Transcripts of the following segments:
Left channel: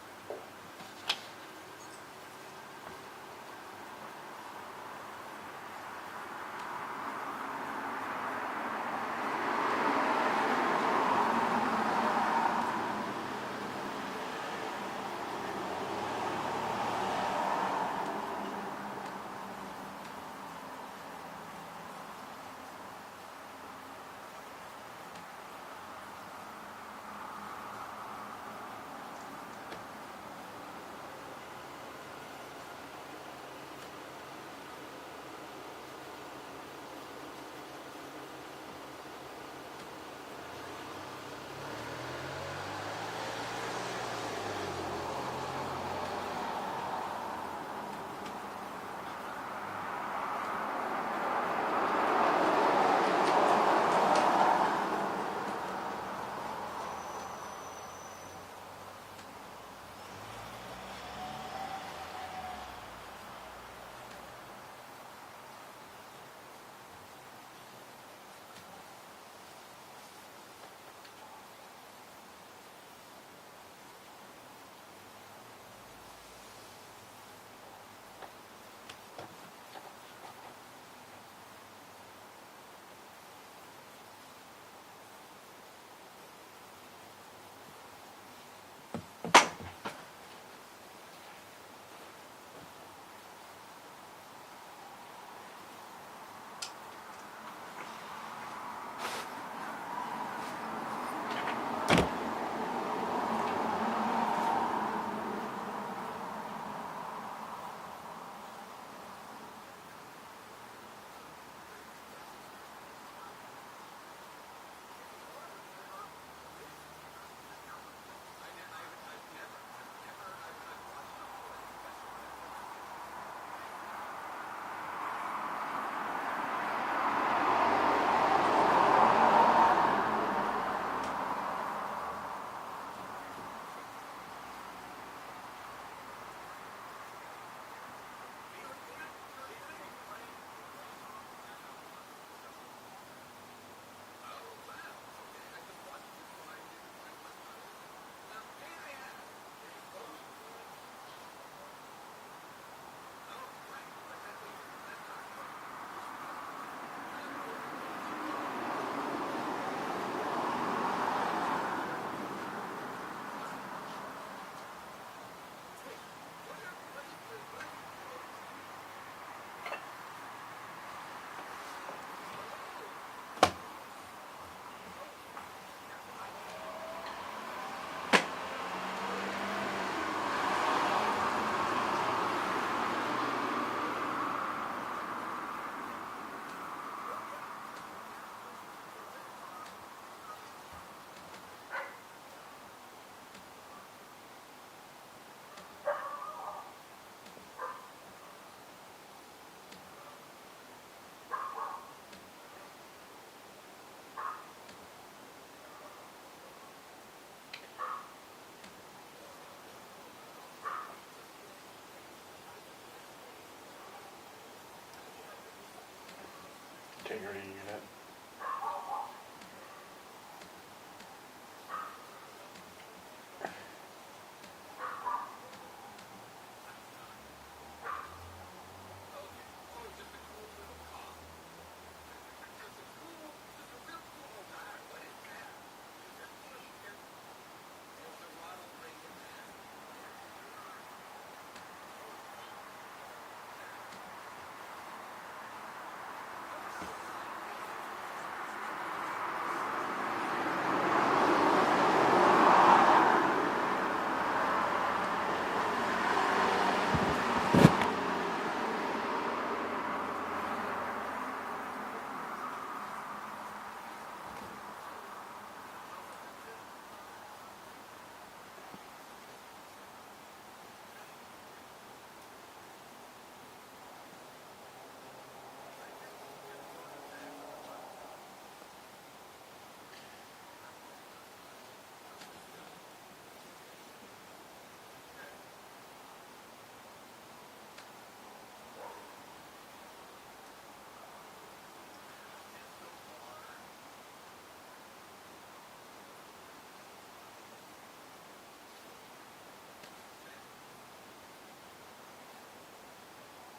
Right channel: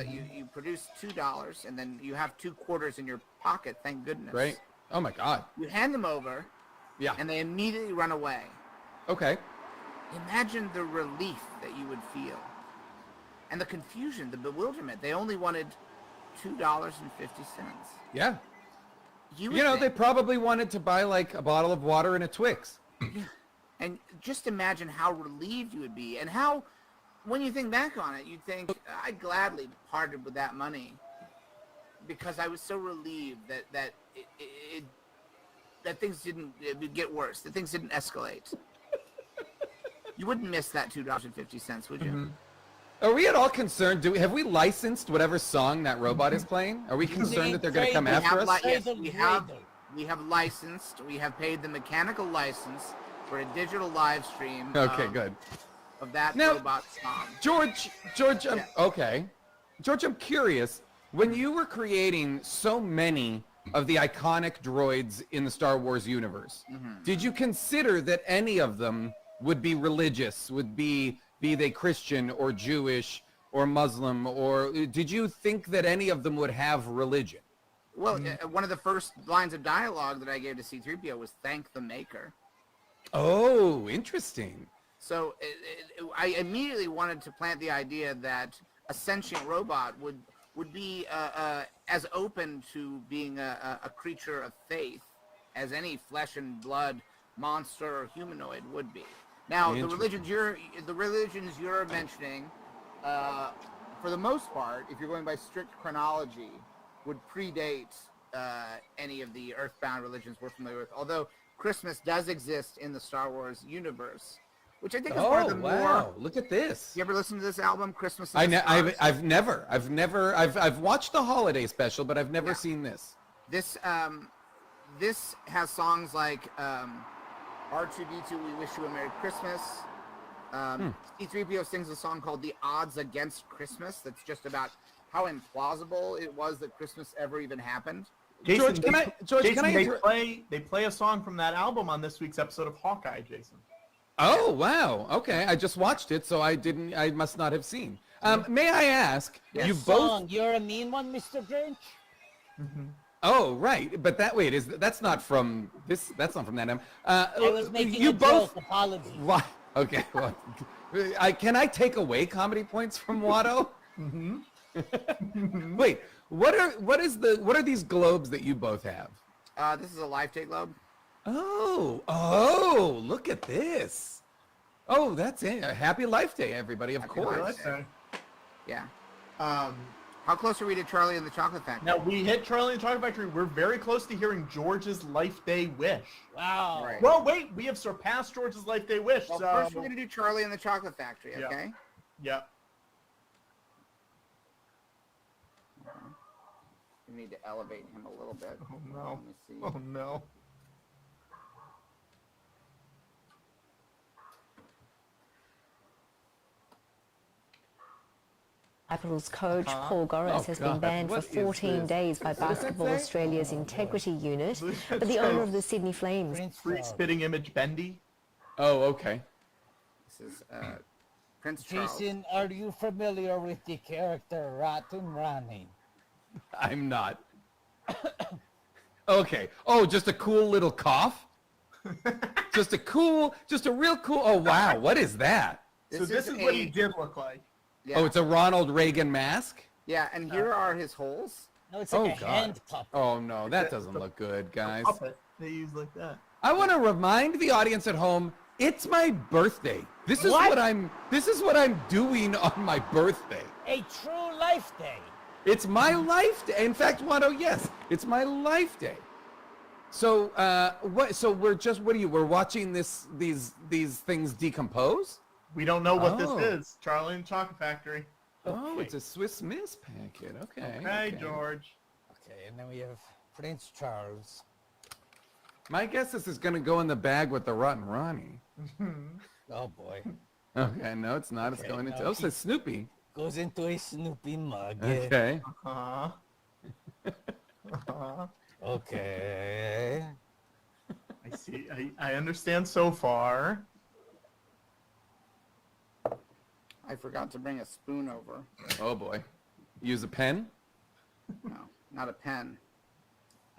that you produce $2, and then you have 2 quarters in your pocket. Thank goodness. Right. Oh my God. You hand them over, Yeah. and they immediately run away. Okay. Imagine the relief and the confusion, the bewilderment. They only wanted $2.50. Yeah. You know, they probably wanted to buy like a bottle of water and a Twix. And just imagine how relieved you would be, and how, when you think back on it, you think, I'd gladly parted with that money because I was so relieved that things didn't get worse, that things didn't escalate. You wouldn't miss that $2.50, would you? Are we at all concerned? Have we licensed whatever song that robot is playing? Are we concerned that they're going to come after us? Yes, we have licensed. We have paid the mechanical license for digital live stream. Okay, good. Of that Now, robot song. George, okay. George, I'm curious. When you were creating so many of the iconic droids in the Star Wars universe, did you consider that any of them would be religious, would be they Christian or Jewish or Muslim, or did you think that any of them would have religion? Well, one of the first lines of dialogue that I gave to C-3PO was "Thank the Maker." Oh, interesting. So I immediately wanted to plant the idea that a sentient robot would be as open to being a creature of faith as any flesh and blood monster or humanoid would be. Now, the religions you're mentioning, for the most part, if you're going by strict chronology, would predate any of the earthbound religions we're familiar with. Although Christmas does exist in the Star Wars universe, which I think is one of the more. Look at this. You ever listen to this album, Christmas in the Stars? I've watched the holiday special, but I've never seen this. This has songs like C-3PO sings a song called "The Odds Against Christmas" that's just about how implausible it was that Christmas ever even happened. Jason, they play a song from that album on this week's episode of Hawkeye, Jason. Oh, wow. Okay, I just watched it, so I must not have seen. May I ask, you both... You're a mean one, Mr. Grinch? Oh, right, but that's not from this, that's not from that album. I was making you a both... joke, apologies. Why? Okay, well, can I take away comedy points from Watto? Wait, what are these globes that you both have? This is a Life Day globe. Oh, look at this. Oh, that's it. Happy Life Day, everybody, of course. Yeah. How close are we to Charlie and the Chocolate Factory? Now, we hit Charlie and the Chocolate Factory. We're very close to hearing George's Life Day wish. Wow. Right. Well, wait, we have surpassed George's Life Day wish. Well, first we're going to do Charlie and the Chocolate Factory, okay? Yep. We need to elevate him a little bit. Oh, no. Capitals coach Paul Gores has been banned for 14 days by Basketball Australia's Integrity Unit, but the owner of the Sydney Flames. Spitting image Bendy. Oh, okay. This is Prince Charles. Jason, are you familiar with the character Rotten Ronnie? I'm not. Okay. Oh, just a cool little cough? just a real cool... Oh, wow. What is that? So this is what he did look like. Yeah. Oh, it's a Ronald Reagan mask? Yeah, and here are his holes. No, it's like a God. handcuff. Oh, no. That doesn't look good, guys. Puppet. They use like that. I want to remind the audience at home, it's my birthday. This is what I'm doing on my birthday. A true life day. It's my life day. In fact, Watto, yes, it's my life day. So, we're watching these things decompose? We don't know what this is. Charlie and the Chocolate Factory. Oh, it's a Swiss Miss pumpkin. Okay. Hey, George. Okay, and then we have Prince Charles. My guess is going to go in the bag with the Rotten Ronnie. Oh boy. Okay, no, it's not. It's going into... Oh, it's a Snoopy. Goes into a Snoopy mug. Okay. Okay. I see. I understand so far. I forgot to bring a spoon over. Oh, boy. use a pen? Not a pen.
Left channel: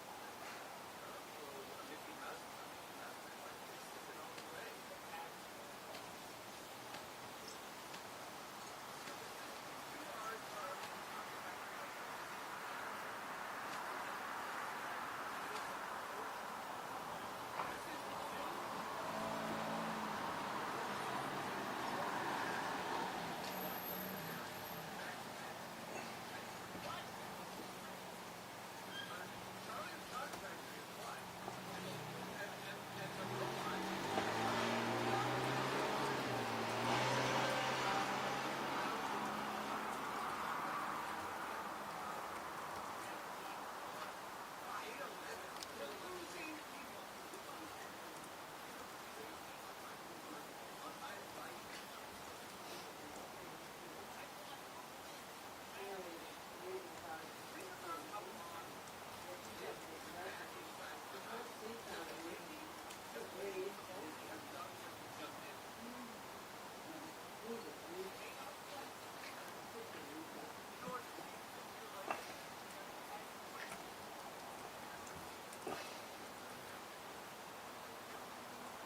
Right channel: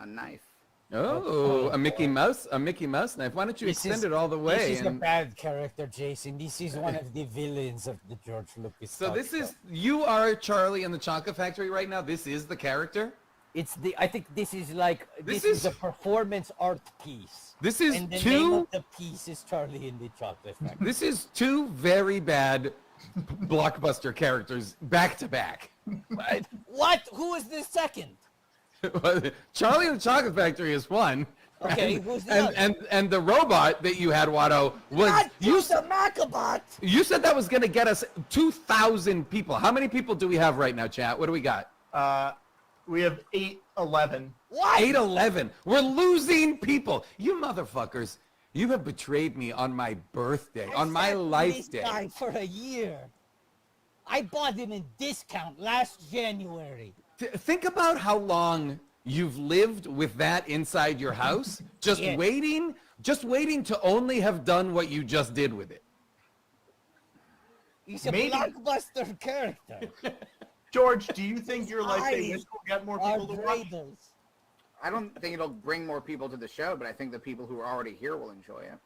A knife. Oh, a Mickey Mouse knife. Why don't you extend it all the way? This is a bad character, Jason. This is one of the villains of the George Lucas. So this is, you are Charlie in the Chocolate Factory right now. This is the character. I think this is like, This this is- is a performance art piece. This is And the name two. of the piece is Charlie in the Chocolate Factory. This is two very bad blockbuster characters back to back. What? Who is the second? Charlie and the Chocolate Factory is one. Okay, and, who's the and, other? and the robot that you had, Watto, was Not you. use a Macabot! You said that was gonna get us 2,000 people. How many people do we have right now, chat? What do we got? We have 811. What? 811. We're losing people. You motherfuckers. You have betrayed me on my birthday, on my I sat life this day. guy for a year. I bought him in discount last January. Think about how long you've lived with that inside your house, just Yes. waiting to only have done what you just did with it. He's a Maybe- blockbuster character. George, do you think your life day I wish will get more Are people to watch? Brables. I don't think it'll bring more people to the show, but I think the people who are already here will enjoy it.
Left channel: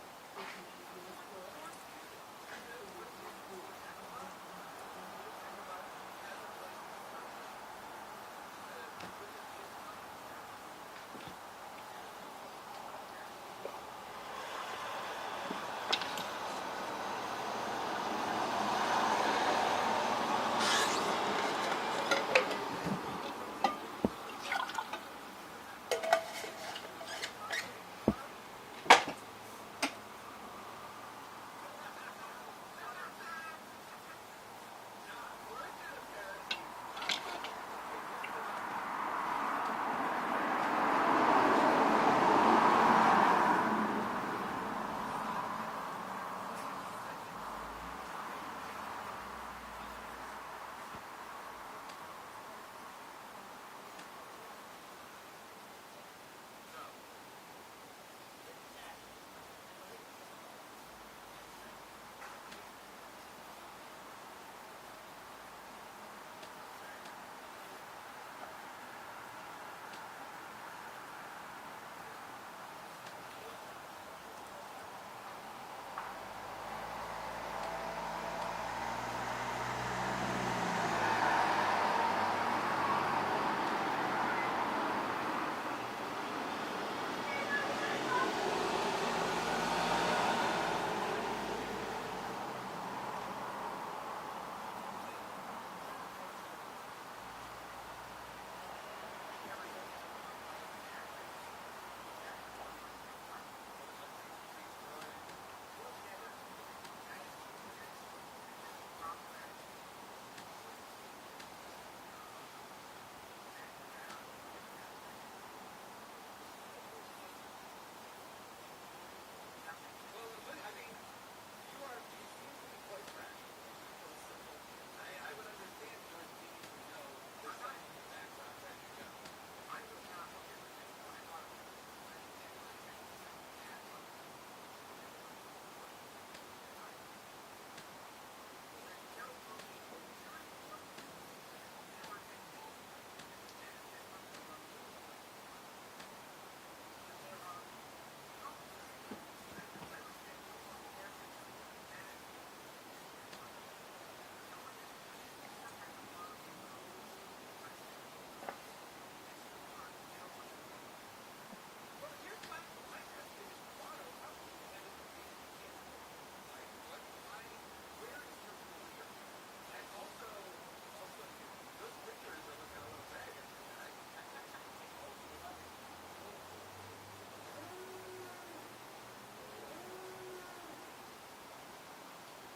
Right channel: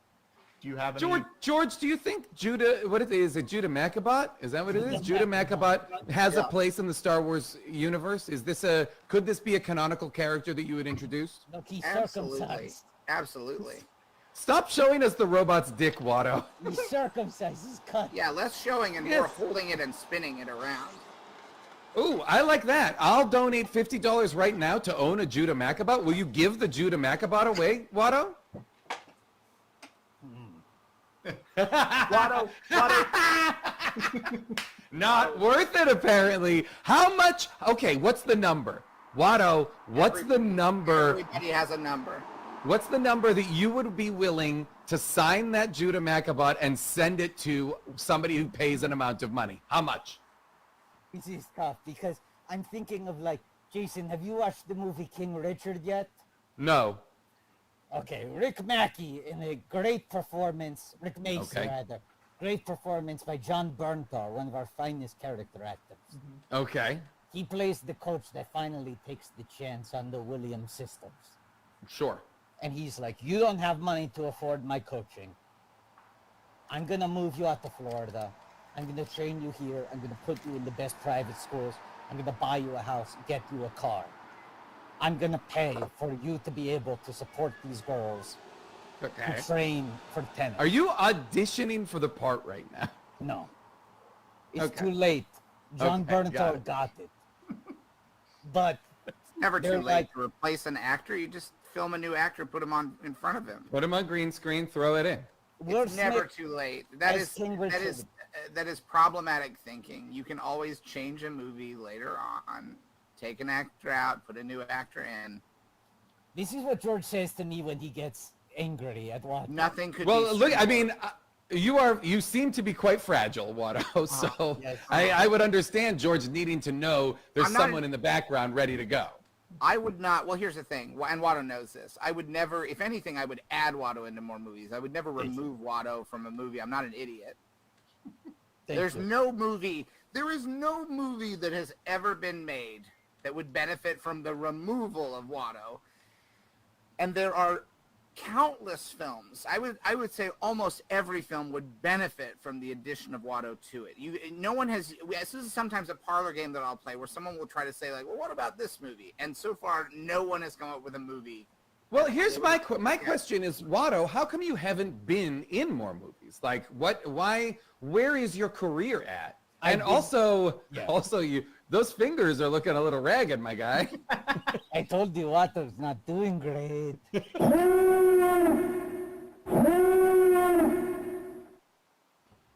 Do you have any? George, do you think Judah, what it is it Judah Macabot? Is that what it is? Judah Macabot has a place in the Star Wars universe? Could this be a canonical character that you would introduce? But he's Absolutely. circumcised. Absolutely. Stop showing us the robot's dick, Watto. He's circumcised. He's cut. Yeah, less showing and more holding it and spinning it around. Ooh, I like that. I'll donate $50 right now to own a Judah Macabot. Will you give the Judah Macabot away, Watto? Watto, Not worth it, apparently. How much? Okay, what's the number? Watto, what's the number? Everybody has a number. What's the number that you would be willing to sign that Judah Macabot and send it to somebody who pays an amount of money? How much? This is tough because I'm thinking of like, Jason, have you watched the movie King Richard yet? No. Okay, Rick Mackey in a great performance, Rick Macy Okay. rather, great performance by John Bernthal, one of our finest character actors. Okay. He plays the coach that finally takes the chance on the Williams systems. Sure. And he's like, you don't have money to afford my coaching. I'm gonna move you out to Florida. I'm gonna train you here. I'm gonna put you in the best private school. I'm gonna buy you a house, get you a car. I'm gonna pay for you to be able to support these goals. To train for 10. Are you auditioning for the part right now? No. It's Okay. too late. John Okay, got Bernthal it. got it. But Never too They're late like- to replace an actor. You just film a new actor, put him on in front of him. Put him on green screen, throw it in. Will It's never Smith, too late. That as is King that Richard. is that is problematic thinking. You can always change a movie later on. Take an actor out, put a new actor in. this is what George says to me when he gets angry at what. Nothing could Well, be look, I mean, you seem to be quite fragile, Watto, so yes. I would understand George needing to know there's I'm not someone in the background ready to go. I would not. Well, here's the thing, and Watto knows this. I would never, if anything, I would add Watto into more movies. I would never remove Watto from a movie. I'm not an idiot. Thank There's you. no movie. There is no movie that has ever been made that would benefit from the removal of Watto. And there are countless films. I would say almost every film would benefit from the addition of Watto to it. No one has. This is sometimes a parlor game that I'll play where someone will try to say like, well, what about this movie? And so far, no one has come up with a movie. Well, here's my question is, Watto, how come you haven't been in more movies? Like, where is your career at? And also, those fingers are looking a little ragged, my guy. I told you Watto's not doing great.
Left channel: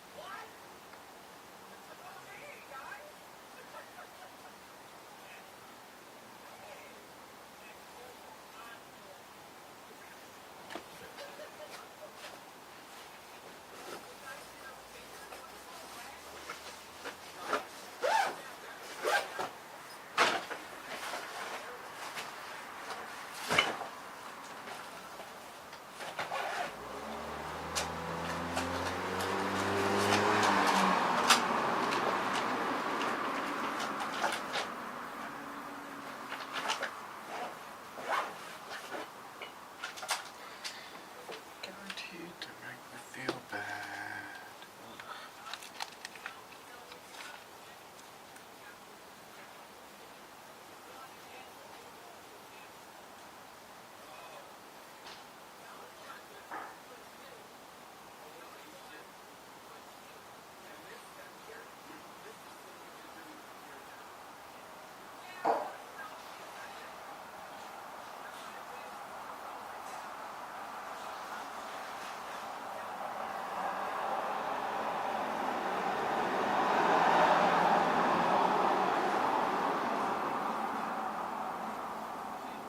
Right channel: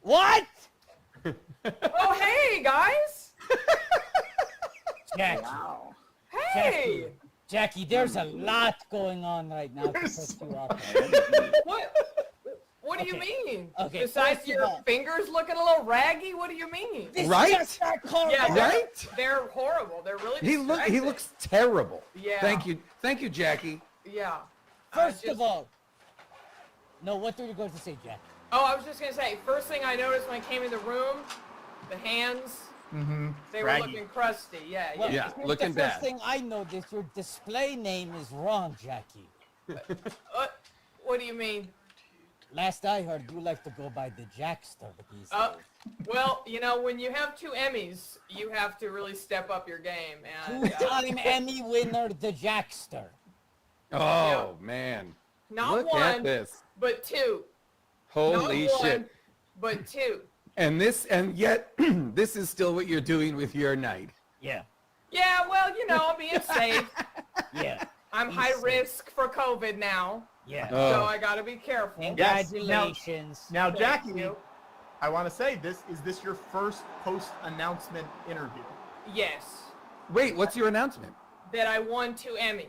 What? Oh, hey, guys! Jackie, Wow. Hey! Jackie, there's a lot going on right now to set you up. What do you Okay. mean? Okay, Besides first of your all- fingers looking a little raggy, what do you mean? This Right? just got called Yeah, out. they're, Right? they're horrible. They're really He looks terrible. Yeah. Thank you, Jackie. Yeah. First just- of all, no, what do we go to say? Oh, I was just gonna say, first thing I noticed when I came in the room, the hands, They were Draggy. looking crusty. Yeah, Well, Yeah, here's looking the first bad. thing I noticed, your display name is wrong, Jackie. What do you mean? Last I heard, you like to go by the Jackster. Well, you know, when you have 2 Emmys, you have to really step up your game. And Two-time Emmy winner, the Jackster. Oh man. not Look one, at this. but 2. Holy not shit. One, but 2. And yet this is still what you're doing with your night. Yeah, Yeah, well, you know, I'm being safe. yeah, I'm high risk for COVID now, yeah. Oh. so I gotta be careful. Yes. Congratulations. Now, Jackie, I want to say is this your first post announcement? Yes, Wait, what's your announcement? that I won 2 Emmys.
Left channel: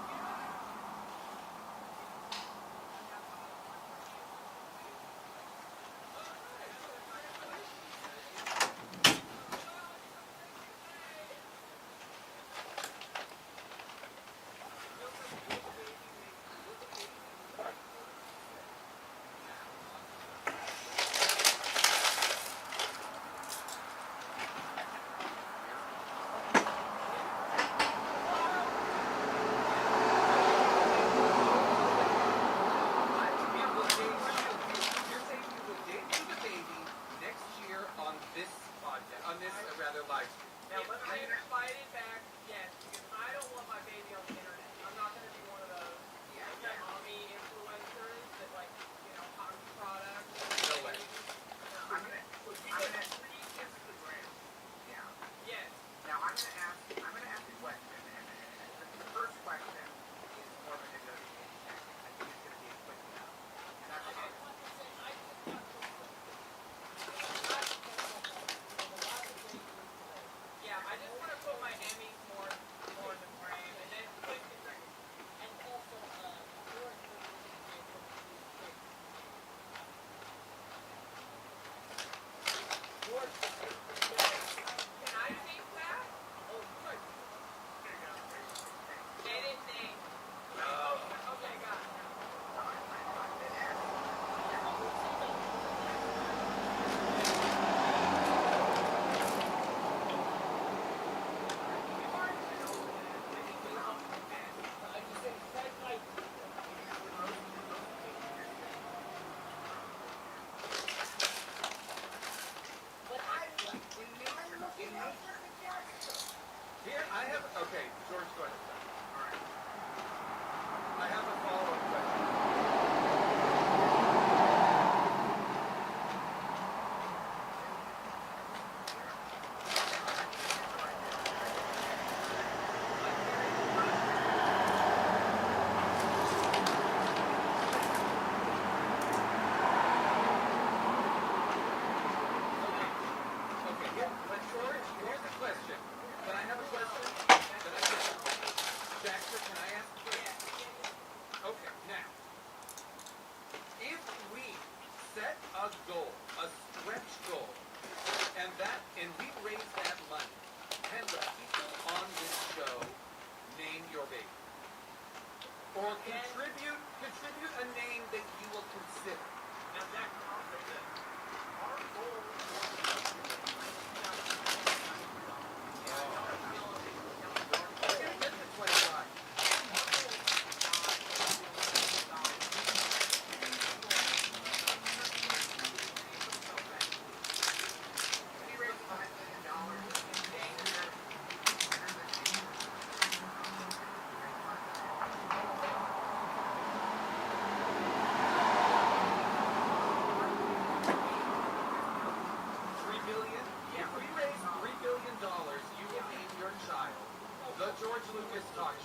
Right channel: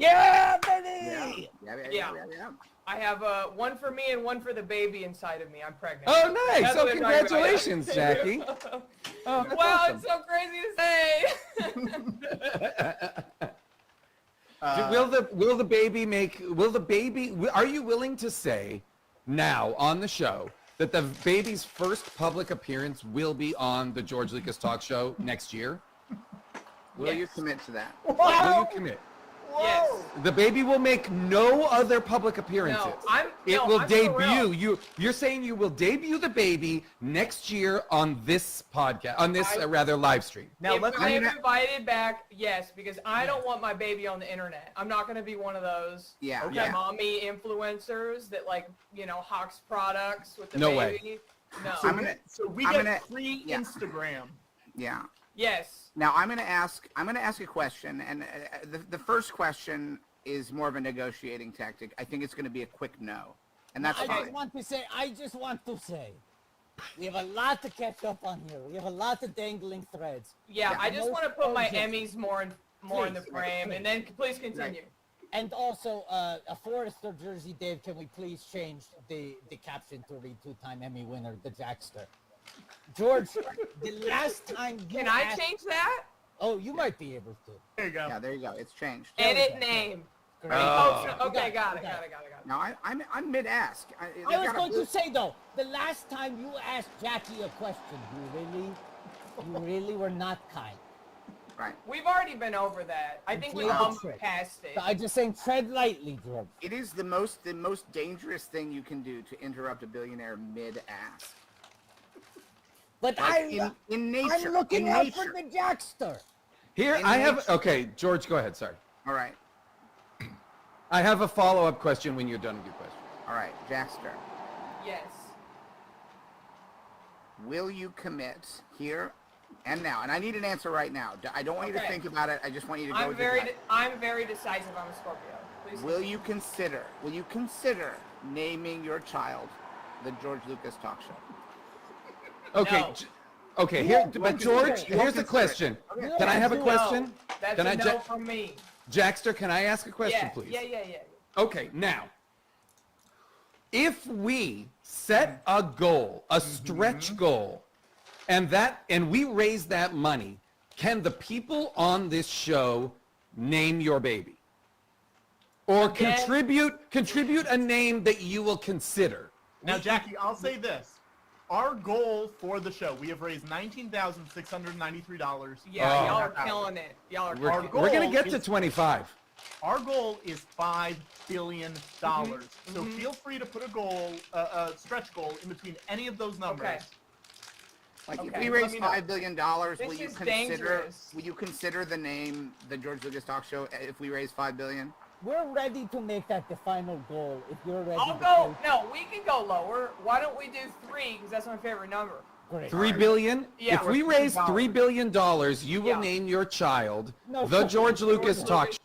Yeah, baby! Yeah. I have one for me and one for the baby inside of me. I'm pregnant. Oh nice. That's Oh what I'm talking about. congratulations, Jackie. Oh, that's Wow, awesome. it's so crazy to say. Will the baby are you willing to say now on the show that the baby's first public appearance will be on the George Lucas Talk Show next year? Will you commit to that? Will you commit? Yes. The baby will make no other public appearances. It will I'm debut. thrilled. You're saying you will debut the baby next year on this podcast, on this rather live stream. Now If let's. we get invited back, yes, because I don't want my baby on the internet. I'm not going to be one of those Yeah. Okay. Yeah. mommy influencers that hawks products. With the No way. baby. No. I'm gonna- So we I'm get gonna- free yeah. Instagram. Yeah. Yes. Now I'm gonna ask a question, and the first question is more of a negotiating tactic. I think it's gonna be a quick no, and that's I fine. just want to say, we have a lot to catch up on here. We have a lot of dangling threads. Yeah, I just No want to put my urgency. Emmys more in the Please, frame, please. and then please continue. And also, a Forrester jersey, Dave, can we please change the captain to the two-time Emmy winner, the Jackster? George, the last time you Can I asked- change that? Oh, you might be able to. There you go. Yeah, there you go. It's changed. Edit name. Oh. Okay, got it. Now I'm mid-ask. I was going to say though, the last time you asked Jackson a question, you really were not kind. Right. We've already been over that. I think we Yeah. bumped past So it. I'm just saying, tread lightly, George. It is the most dangerous thing you can do to interrupt a billionaire mid-ask. But Like, in nature. I'm looking in out nature. for the Jackster. Here I have. Okay, George, go ahead. Sorry. All right. I have a follow-up question when you're done. All right. Jackson. Will you commit here and now? And I need an answer right now. I don't want you to Okay. think about it. I just want you to go. I'm very decisive. Will you consider naming your child the George Lucas Talk Show? Okay. No. Okay. Here, but George, here's a question. Can I have a question? That's Can a I no just, from me. Jackster? Can I ask a question, Yeah, please? yeah. Okay. Now, if we set a goal, a stretch goal, and we raise that money, can the people on this show name your baby? Or Yeah. contribute a name that you will consider? Now, Jackie, I'll say this. Our goal for the show, we have raised $19,693. Yeah, Oh. y'all are killing it. Y'all are We're, Our we're gonna goal get to is- 25. Our goal is $5 billion. So feel free to put a goal, a stretch goal in between any of those numbers. Okay. If Okay, we raise let me know. $5 billion, This will you is consider? dangerous. Will you consider the name the George Lucas Talk Show if we raise $5 billion? We're ready to make that the final goal. If you're ready. I'll go. No, it can go lower. Why don't we do 3? That's my favorite number. $3 billion? Yeah, If we we're raise $3. $3 billion, you will Yeah. name your child No, the fuck George Lucas Talk Show.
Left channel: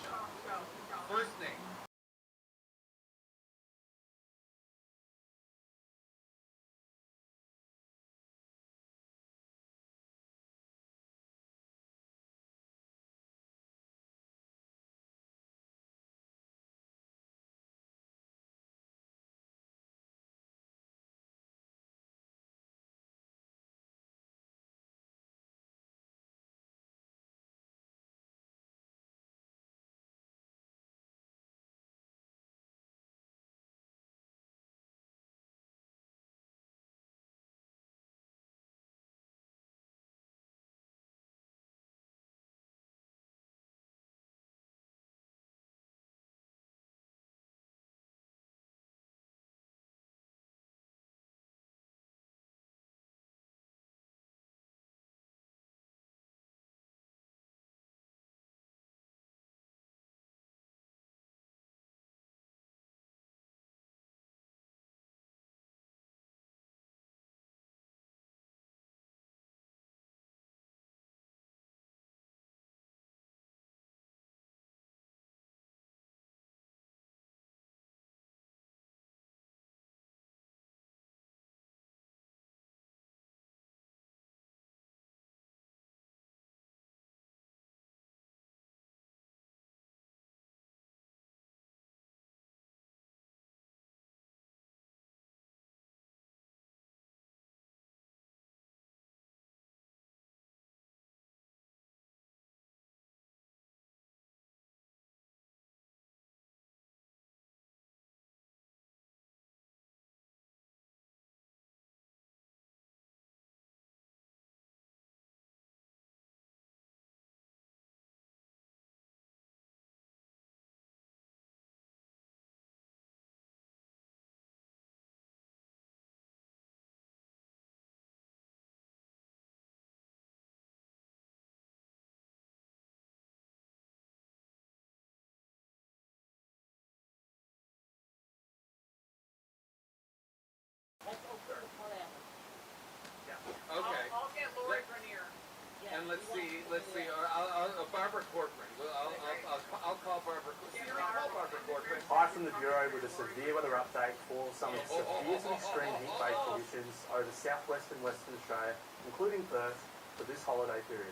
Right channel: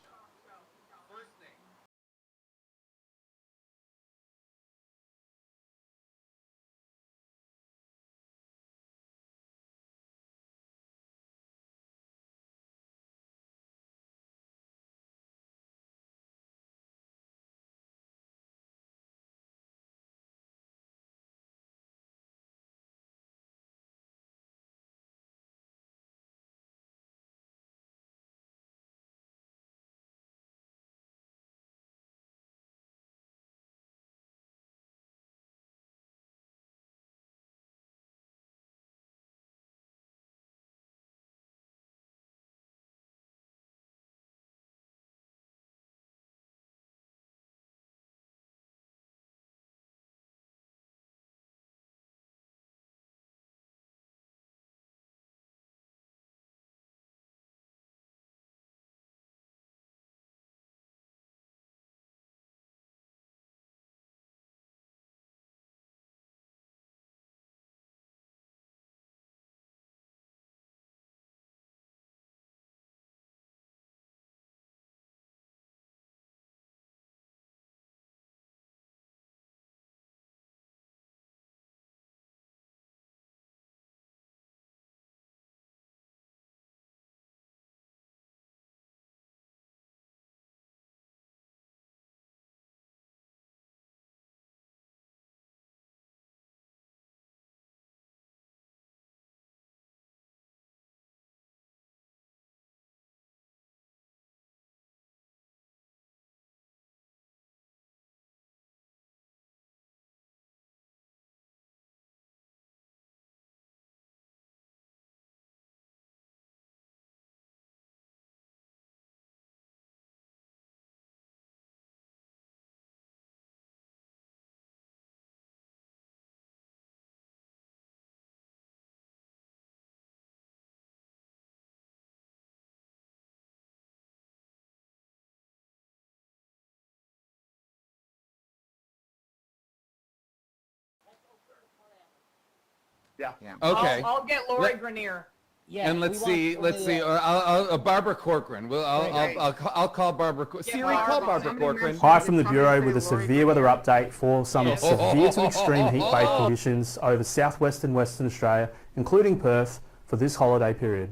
Okay. I'll get Lori Let- Grenier. Yeah, And we let's want see. Barbara Corcoran. Well, I'll call Barbara. Siri, call Barbara Corcoran. Hi from the Bureau with a severe weather update for some severe to extreme heat wave conditions over southwest and Western Australia, including Perth, for this holiday period.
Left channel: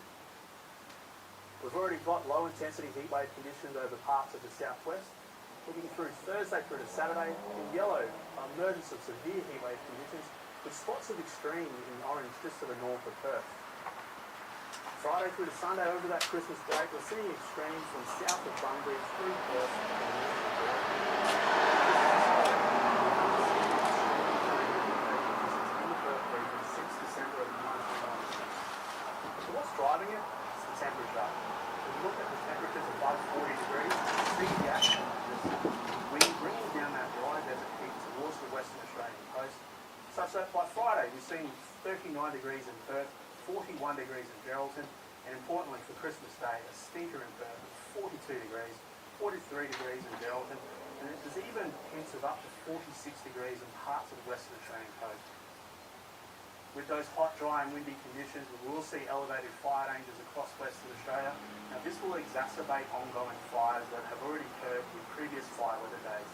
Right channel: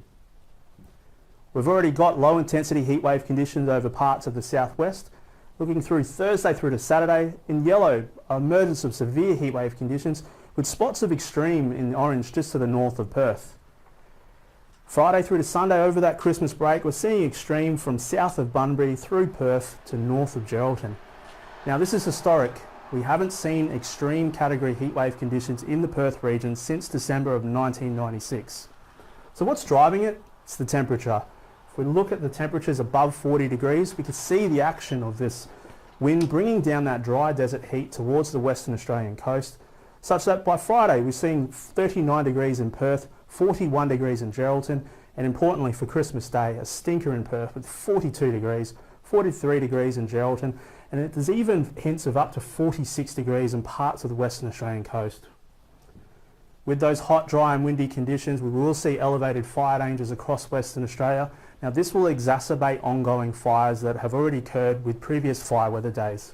We've already got low intensity heat wave conditions over parts of the southwest. Looking through Thursday through to Saturday, in yellow, emergence of severe heat wave conditions with spots of extreme in orange just to the north of Perth. Friday through to Sunday over that Christmas break, we're seeing extreme from south of Bunbury through Perth to north of Geraldton. Now this is historic. We haven't seen extreme category heatwave conditions in the Perth region since December of 1996. So what's driving it? It's the temperature. If we look at the temperatures above 40 degrees, we can see the action of this wind bringing down that dry desert heat towards the Western Australian coast, such that by Friday we're seeing 39 degrees in Perth, 41 degrees in Geraldton, and importantly for Christmas Day, a stinker in Perth with 42 degrees, 43 degrees in Geraldton, and there's even hints of up to 46 degrees in parts of the Western Australian coast. With those hot, dry and windy conditions, we will see elevated fire dangers across Western Australia. Now this will exacerbate ongoing fires that have already occurred with previous fire weather days.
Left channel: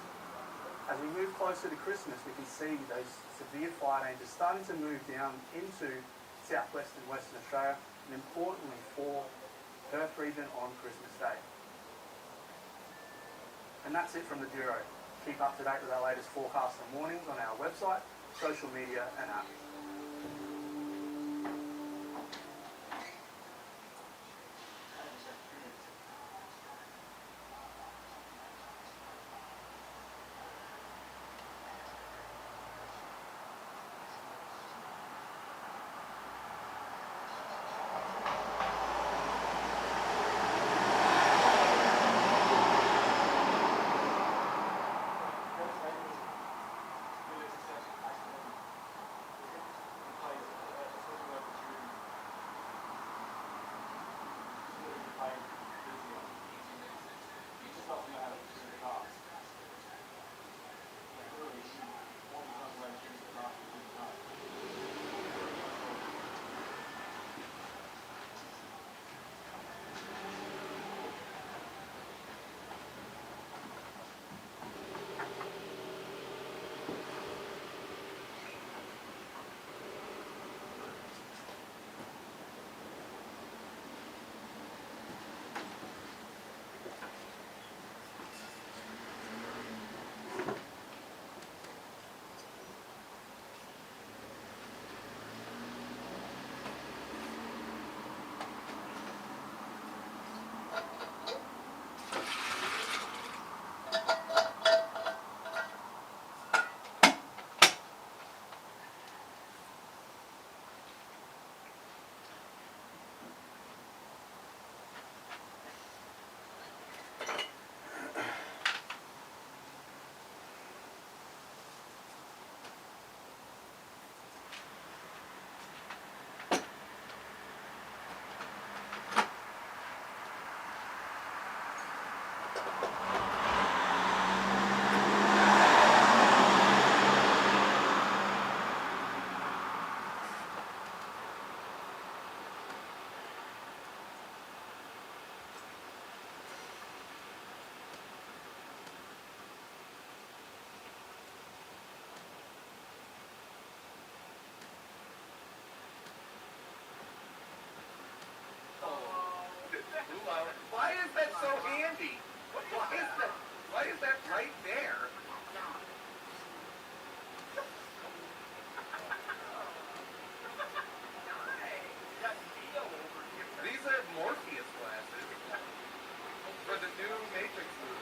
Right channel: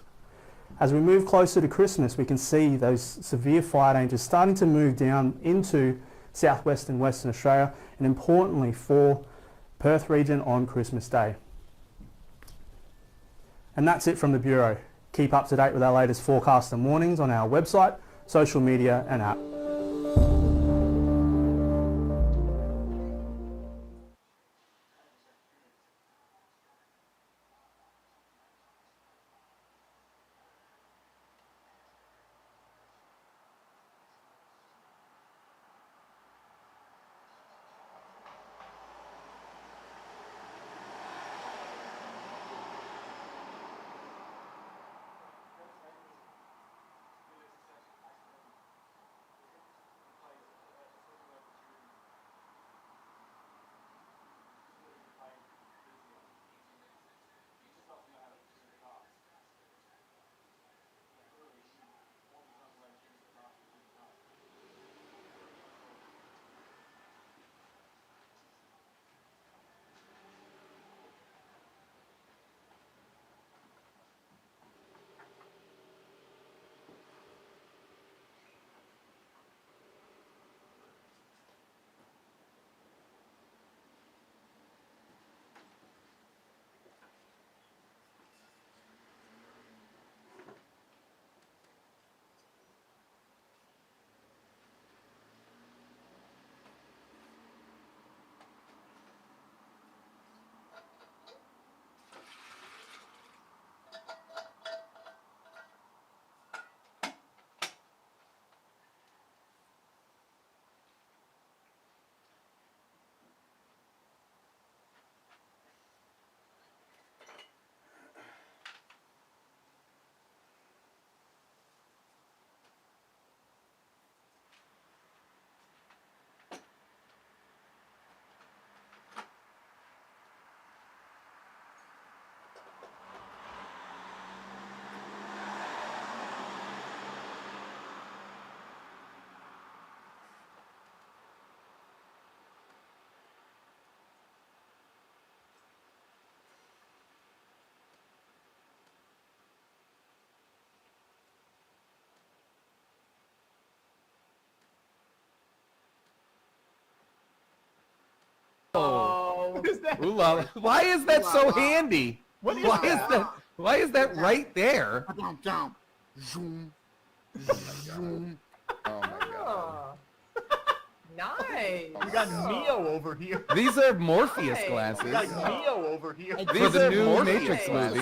As we move closer to Christmas, we can see those severe fire dangers starting to move down into southwest and Western Australia, and importantly for Perth region on Christmas Day. And that's it from the Bureau. Keep up to date with our latest forecast and warnings on our website, social media and app. Ooh, la. Why is that so handy? What is Why that? is that? Why is that right there? Nice. We got Neo over here. These are Morpheus We glasses got Neo over here. for the new Matrix movie.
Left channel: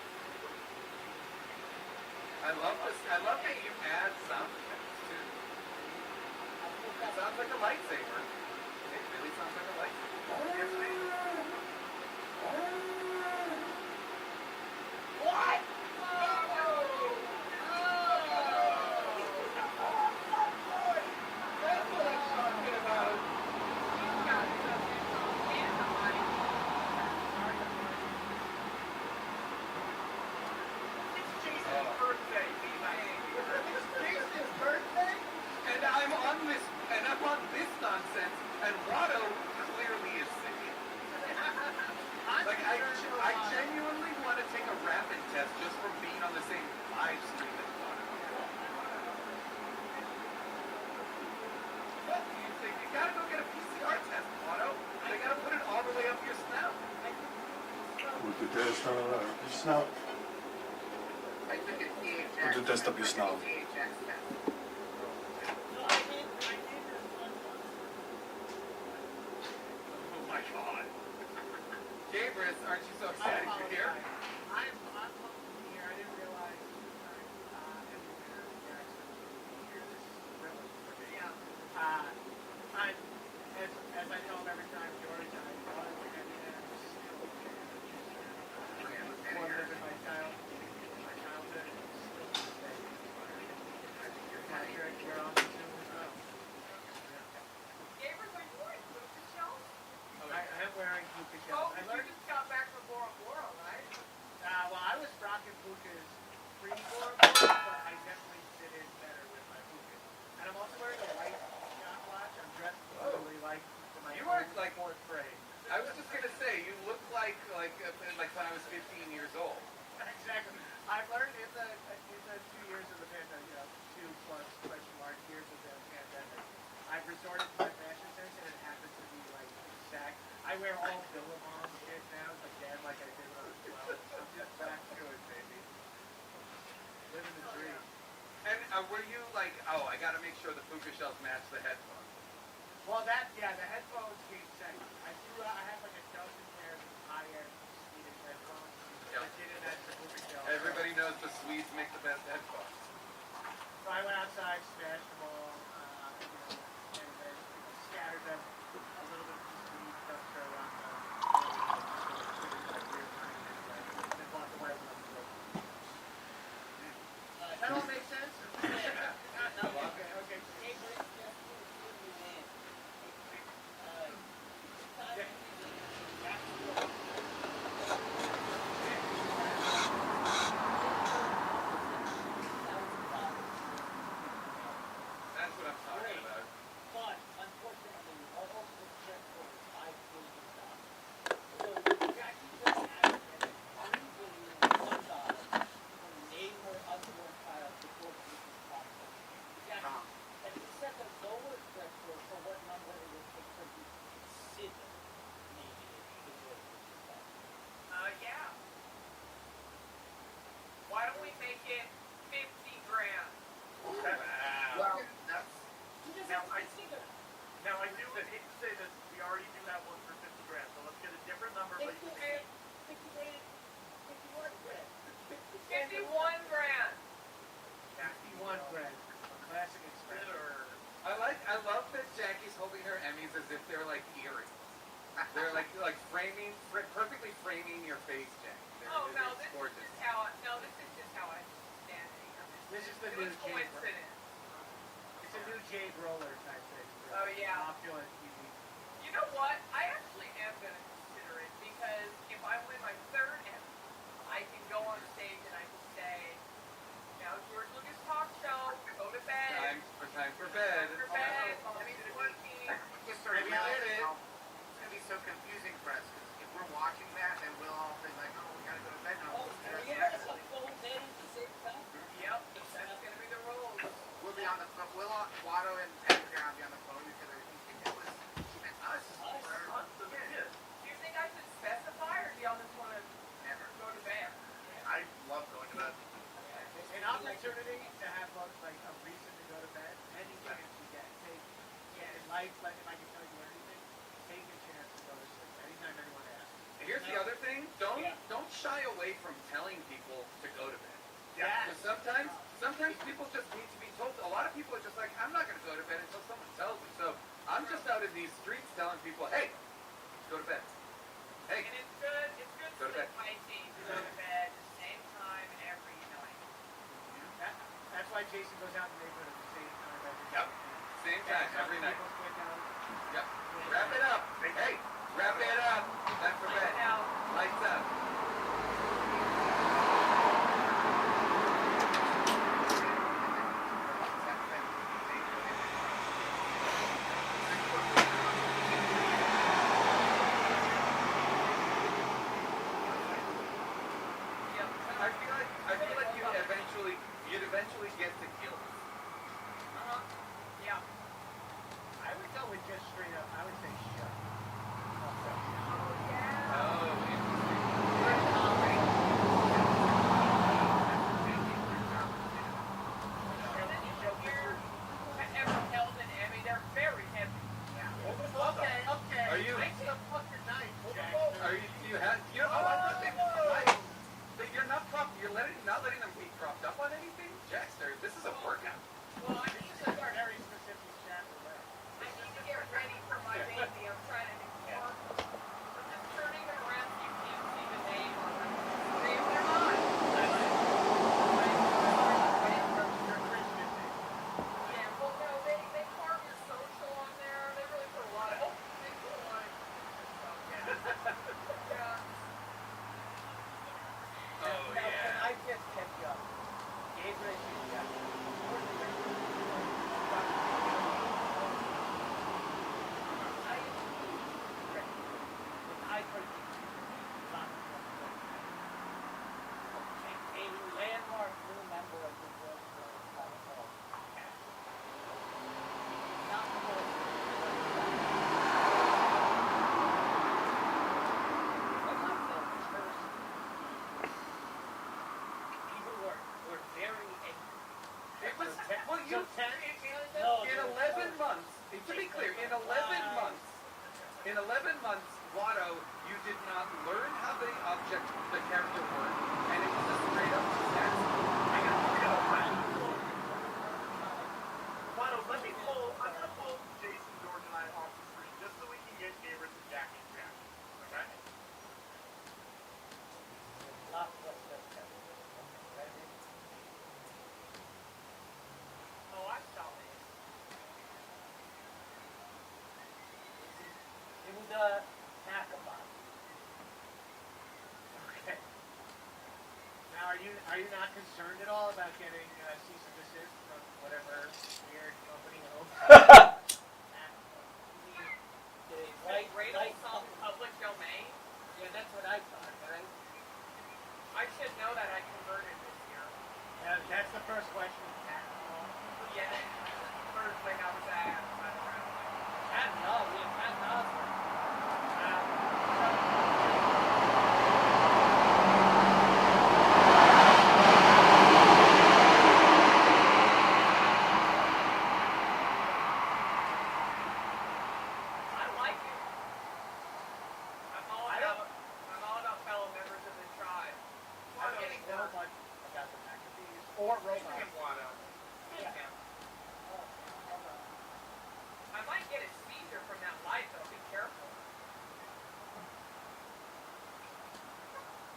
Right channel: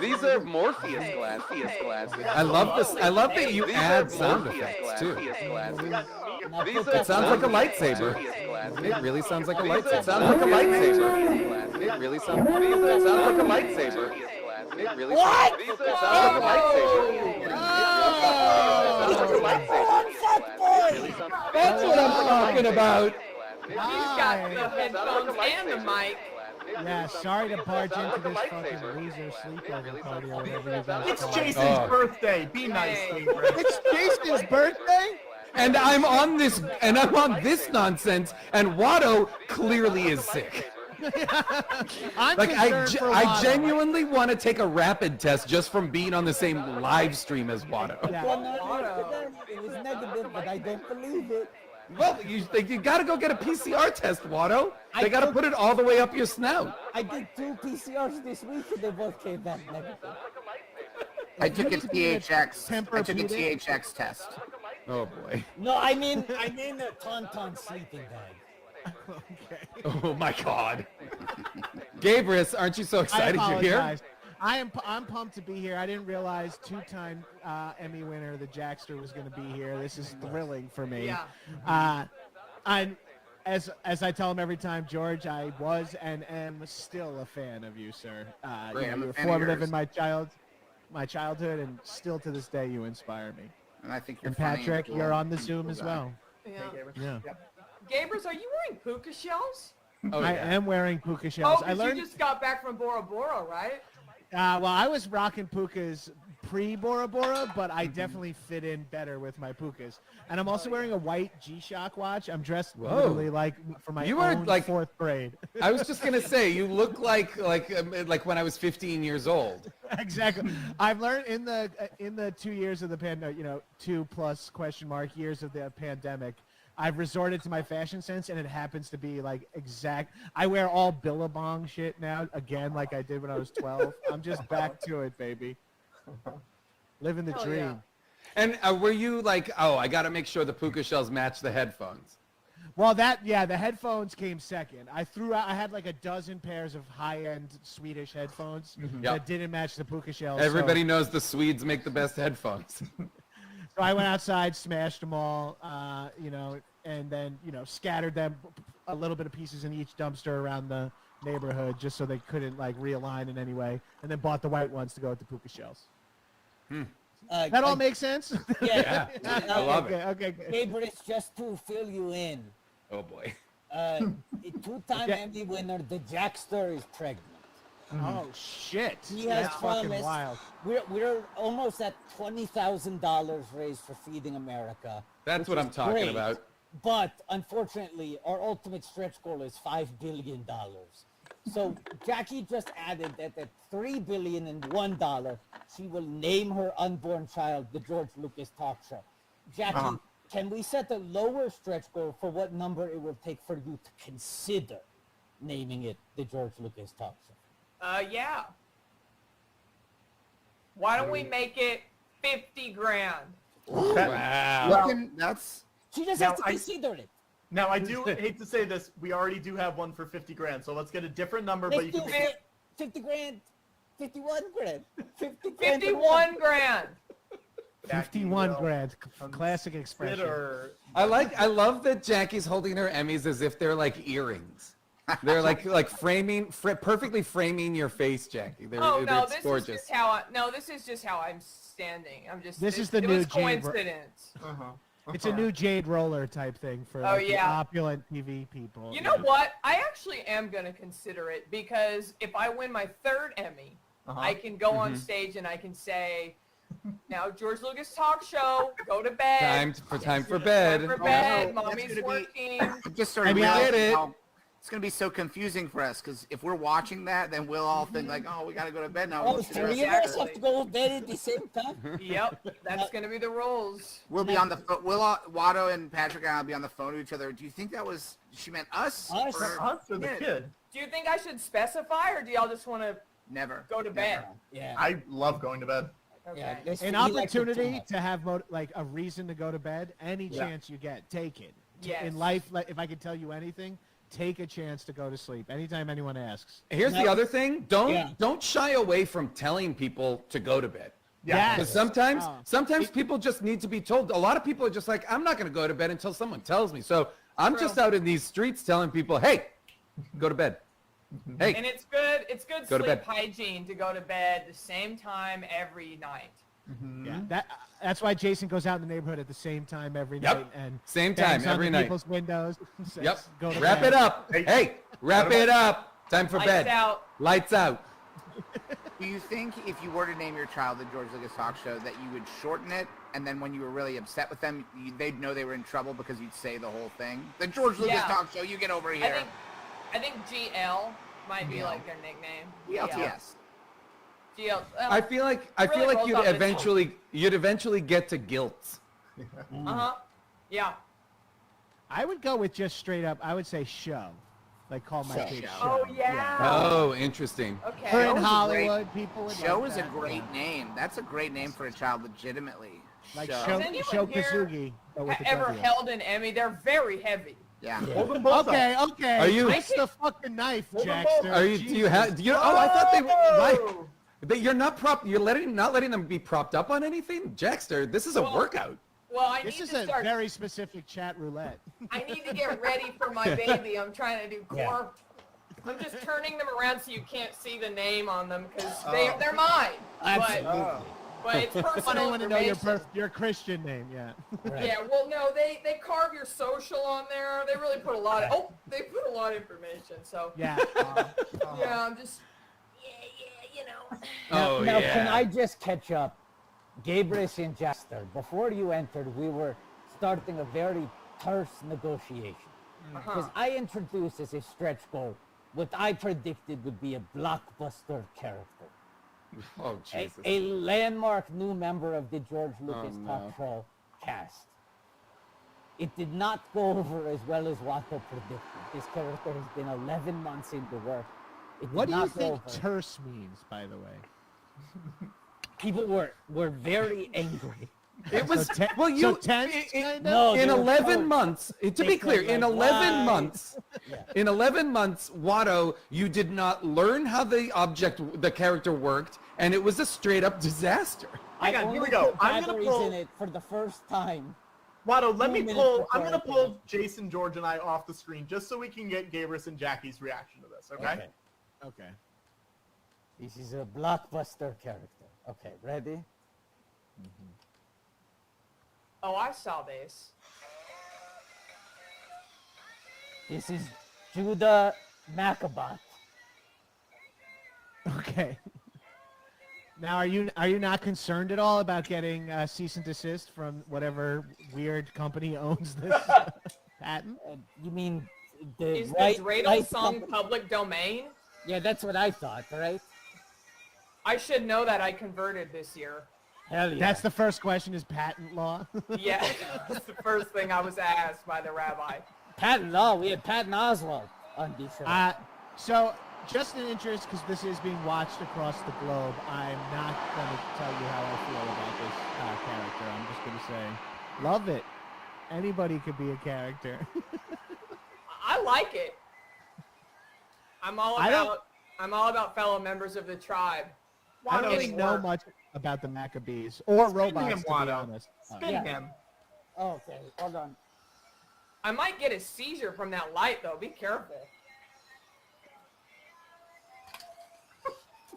These are Morpheus glasses. I love this. I love that you add sound effects too. It sounds like a lightsaber. It really sounds like a lightsaber. It sounds like a lightsaber. It really sounds like a lightsaber. It really What? sounds like a lightsaber. That's what I'm talking about. She's got the headphones and the mic. Yeah, sorry to barge into this fucking loser sleepover party or whatever you guys It's call it. Jason's birthday. Be nice, Gabriel. It's Jason's birthday? and I'm on this nonsense, and Watto clearly is sick. I'm Like concerned for I Watto. genuinely want to take a rapid test just from being on the same live stream as Watto. Yeah. Well, no, it was negative, but I don't believe it. Well, you got to go get a PCR test, Watto. They I got to took- put it all the way up your snout. I did 2 PCRs this week and they both came back. I took a THX test. Oh boy. No, I mean a tauntaun sleeping bag. Oh my God. Gabrus, aren't you so I excited you're here? apologize. I'm pumped to be here. I didn't realize two-time Emmy winner, the Jackster, was going to be here. This is thrilling for me. Yeah. I'm, as I tell him every time, George, I was and am still a fan of you, sir. Great, I'm You a were fan of formative yours. in my childhood, and still to this day, you inspire me. And I think you're And funny Patrick, cool. you're on the Zoom as well. Yeah. Yeah. Gabers, are you wearing puka shells? Oh, I yeah. am wearing puka Oh, shells. I 'cause you learned. just got back from Bora Bora, right? Well, I was rocking pukas pre-Bora Bora, but I definitely fit in better with my pukas. And I'm also wearing a white G-Shock watch. I'm dressed Whoa. literally like for my You are own like- 4th grade. I was just gonna say you look like when I was 15 years old. Exactly. I've learned in the 2 years of the pandemic, 2+ question mark years of the pandemic, I've resorted to my fashion sense, and it happens to be like exact. I wear all Billabong shit now, again, like I did when I was 12. I'm just back to it, baby. Living the Hell dream. yeah. And were you like, oh, I gotta make sure the puka shells match the headphones? Well, the headphones came second. I had like a dozen pairs of high-end Swedish headphones Yep. that didn't match the puka shells. Everybody knows the Swedes make the best headphones. So I went outside, smashed them all, and then, scattered them, a little bit of pieces in each dumpster around the neighborhood just so they couldn't like realign in any way, and then bought the white ones to go with the puka shells. That all makes sense? Yeah. I love okay, it. okay, good. Gabriel, just to fill you in, Oh boy. the 2-time Yeah. Emmy winner, the Jackster, is pregnant. Oh, shit. He has That's fucking promised. wild. We're almost at $20,000 raised for Feeding America. That's what I'm talking Great. about. But unfortunately, our ultimate stretch goal is $5 billion. So Jackie just added that at $3 billion and $1, she will name her unborn child the George Lucas Talk Show. Jackie, can we set a lower stretch goal for what number it will take for you to consider naming it the George Lucas Talk Show? Yeah. Why don't we make it 50 grand? Wow. That's She just Now, has to I- consider it. Now, I do hate to say this, we already do have one for 50 grand, so let's get a different number, but Let's you do can make- 50 grand, 51 grand, 50 grand. 51 grand. 51 grand. Classic expression. consider. I love that Jackie's holding her Emmys as if they're like earrings. They're like perfectly framing your face, Jackie. Oh no, it's this gorgeous. is just how this is just how I'm standing. I'm just. This it- is the it new was Jade Ro- coincidence. It's a new Jade Roller type thing for Oh, like, yeah. the opulent TV people. You know what? I actually am gonna consider it because if I win my 3rd Emmy, I can go on stage and I can say, "Now George Lucas Talk Show, go to bed. Time for bed. Go for bed. no, that's Mommy's gonna be- working." I just started I mean, I realizing did it. how it's going to be so confusing for us because if we're watching that, then we'll all think like, oh, we got to go to bed now. Oh, Let's do 3 it. of us have to go to bed at the same time? Yep, that's gonna be the rules. We'll be on the phone. Watto and Patrick and I will be on the phone to each other. Do you think she meant us? Us. Or Us as a kid. Do you think I should specify, or do y'all just want to never. go to bed? Yeah. I love going to bed. Yeah, this An we like to opportunity do. to have like a reason to go to bed, any chance you get, take it. Yes. In life, like, if I could tell you anything, take a chance to go to sleep anytime anyone asks. Here's the Yeah. other thing. Don't shy away from telling people to go to bed. Yes. Because sometimes people just need to be told. A lot of people are just like, I'm not going to go to bed until someone tells me. So I'm just out in these streets telling people, hey, go to bed. Hey, And it's good. It's good Go to sleep bed. hygiene to go to bed the same time every night. Yeah. That's why Jason goes out in the neighborhood at the same time every Yep. night and Same bangs time on every the night. people's windows. Says, Yep. "Go to Wrap bed." it up. Hey, wrap it up. Time for Lights bed. out. Lights out. Do you think if you were to name your child the George Lucas Talk Show that you would shorten it, and then when you were really upset with them, you'd they'd know they were in trouble because you'd say the whole thing. The George Lucas Yeah. talk show, you get over I here. think GNL might be like a nickname. LTS. I feel like you'd eventually get to guilt. Yeah. I would go with just straight up. I would say show, like call my kid show. Oh yeah. Oh, interesting. Or in Hollywood, Show's a great name. That's a great name for a child, legitimately. like Show. show Kazugi. but with a Ever W. held an Emmy? They're very heavy. Yeah. Hold them both Okay, up. okay. Are you- It's the fucking knife, Hold them Jackster. Are you? Do you have? Do you? Oh, I thought they. Right. You're not You're not letting them be propped up on anything, Jackster. This is a workout. Well, I This need is to a start. very specific chat roulette. I need to get ready for my baby. I'm trying to do more. I'm just turning them around so you can't see the name on them because they're mine. But it's fun No, animation. your Christian name, yeah. Yeah, well, no, they carve your social on there. They really put a lot of. Oh, they put a lot of information. So Yeah. yeah, I'm just. Oh Now, yeah. can I just catch up? Gabrus and Jasper, before you entered, we were starting a very terse negotiation. Because I introduced as a stretch goal what I predicted would be a blockbuster character. Oh, Jesus. A landmark new member of the George Lucas Talk Show cast. It did not go over as well as Rocket People. It's been 11 months into work. It What did do you not think go over. terse means, by the way? People were very angry. It was So ten- well. You so 10? No, in they were 11 so- months. To they be clear, said, in like, 11 why? months. In 11 months, Watto, you did not learn how the character worked, and it was a straight up disaster. Hang on, here we go. I'm Watto gonna was pull. in it for the first time. Watto, let me 2 minutes pull. before I'm gonna I pull Jason, George, and I off the screen just so we can get Gabrus and Jackie's reaction to this. Okay? Okay. This is a blockbuster character. Okay, ready? Oh, I saw this. This is Judah Maccabat. Okay. Now, are you not concerned at all about getting cease and desist from whatever weird company owns the patent? You mean the Is right, this Radel right song company? public domain? Yeah, that's what I thought, right? I should know that I converted this year. Hell yeah. That's the first question: is patent law? Yeah, that's the first thing I was asked by the rabbi. Patton, no, we had Patton Oswalt on this one. So, just in interest, because this has been watched. Love it. Anybody could be a character. I like it. I'm all I don't- about fellow members of the tribe. I don't Getting really know work. much about the Maccabees or robots, him, to be Watto. honest. Spin Yeah. him. Oh, okay, hold on. I might get a seizure from that light though. Be careful.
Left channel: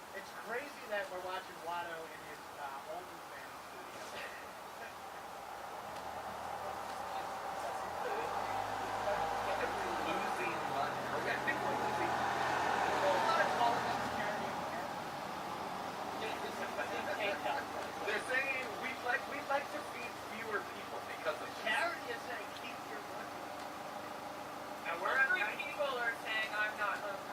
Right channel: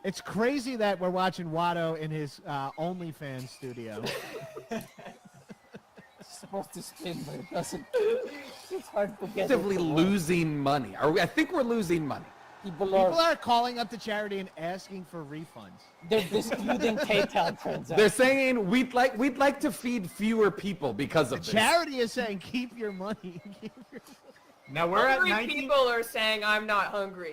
It's crazy that we're watching Watto in his OnlyFans studio. It's supposed to spin, but it doesn't. It's hard to get it. Actively losing money. I think we're losing money. People are calling up the charity and asking for refunds. They're disputing PayPal transactions. They're saying we'd like to feed fewer people because of this. Charity is saying, keep your money. Now we're at Hungry 19. people are saying I'm not hungry.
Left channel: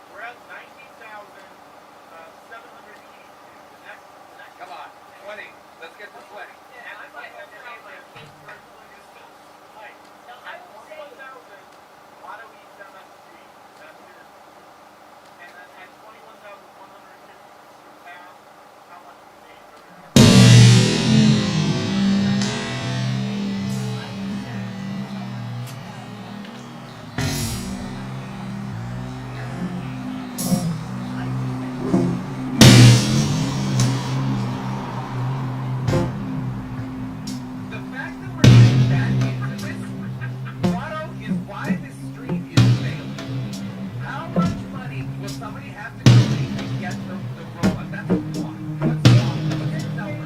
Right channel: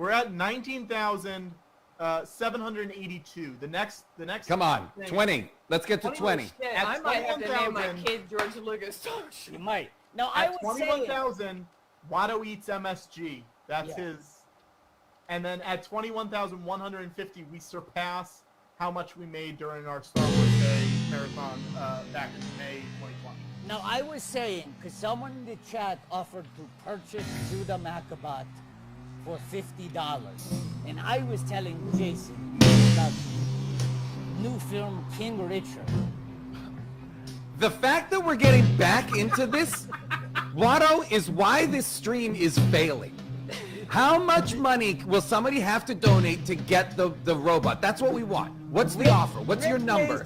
We're at 19,782. The next. Come on, thing- 20. Let's get to 20. Shit, At I might have to name my 21,000 kid George Lucas. You might. No, I At would say 21,000, Watto eats MSG. That's his. And then at 21,150, we surpass how much we made during our. Now, I was saying, someone in the chat offered to purchase Judah Maccabat for $50. And I was telling Jason, King Richard. The fact that we're getting back into this, Watto, is why this stream is failing. How much money will somebody have to donate to get the robot? That's what we want. What's the offer? What's your number?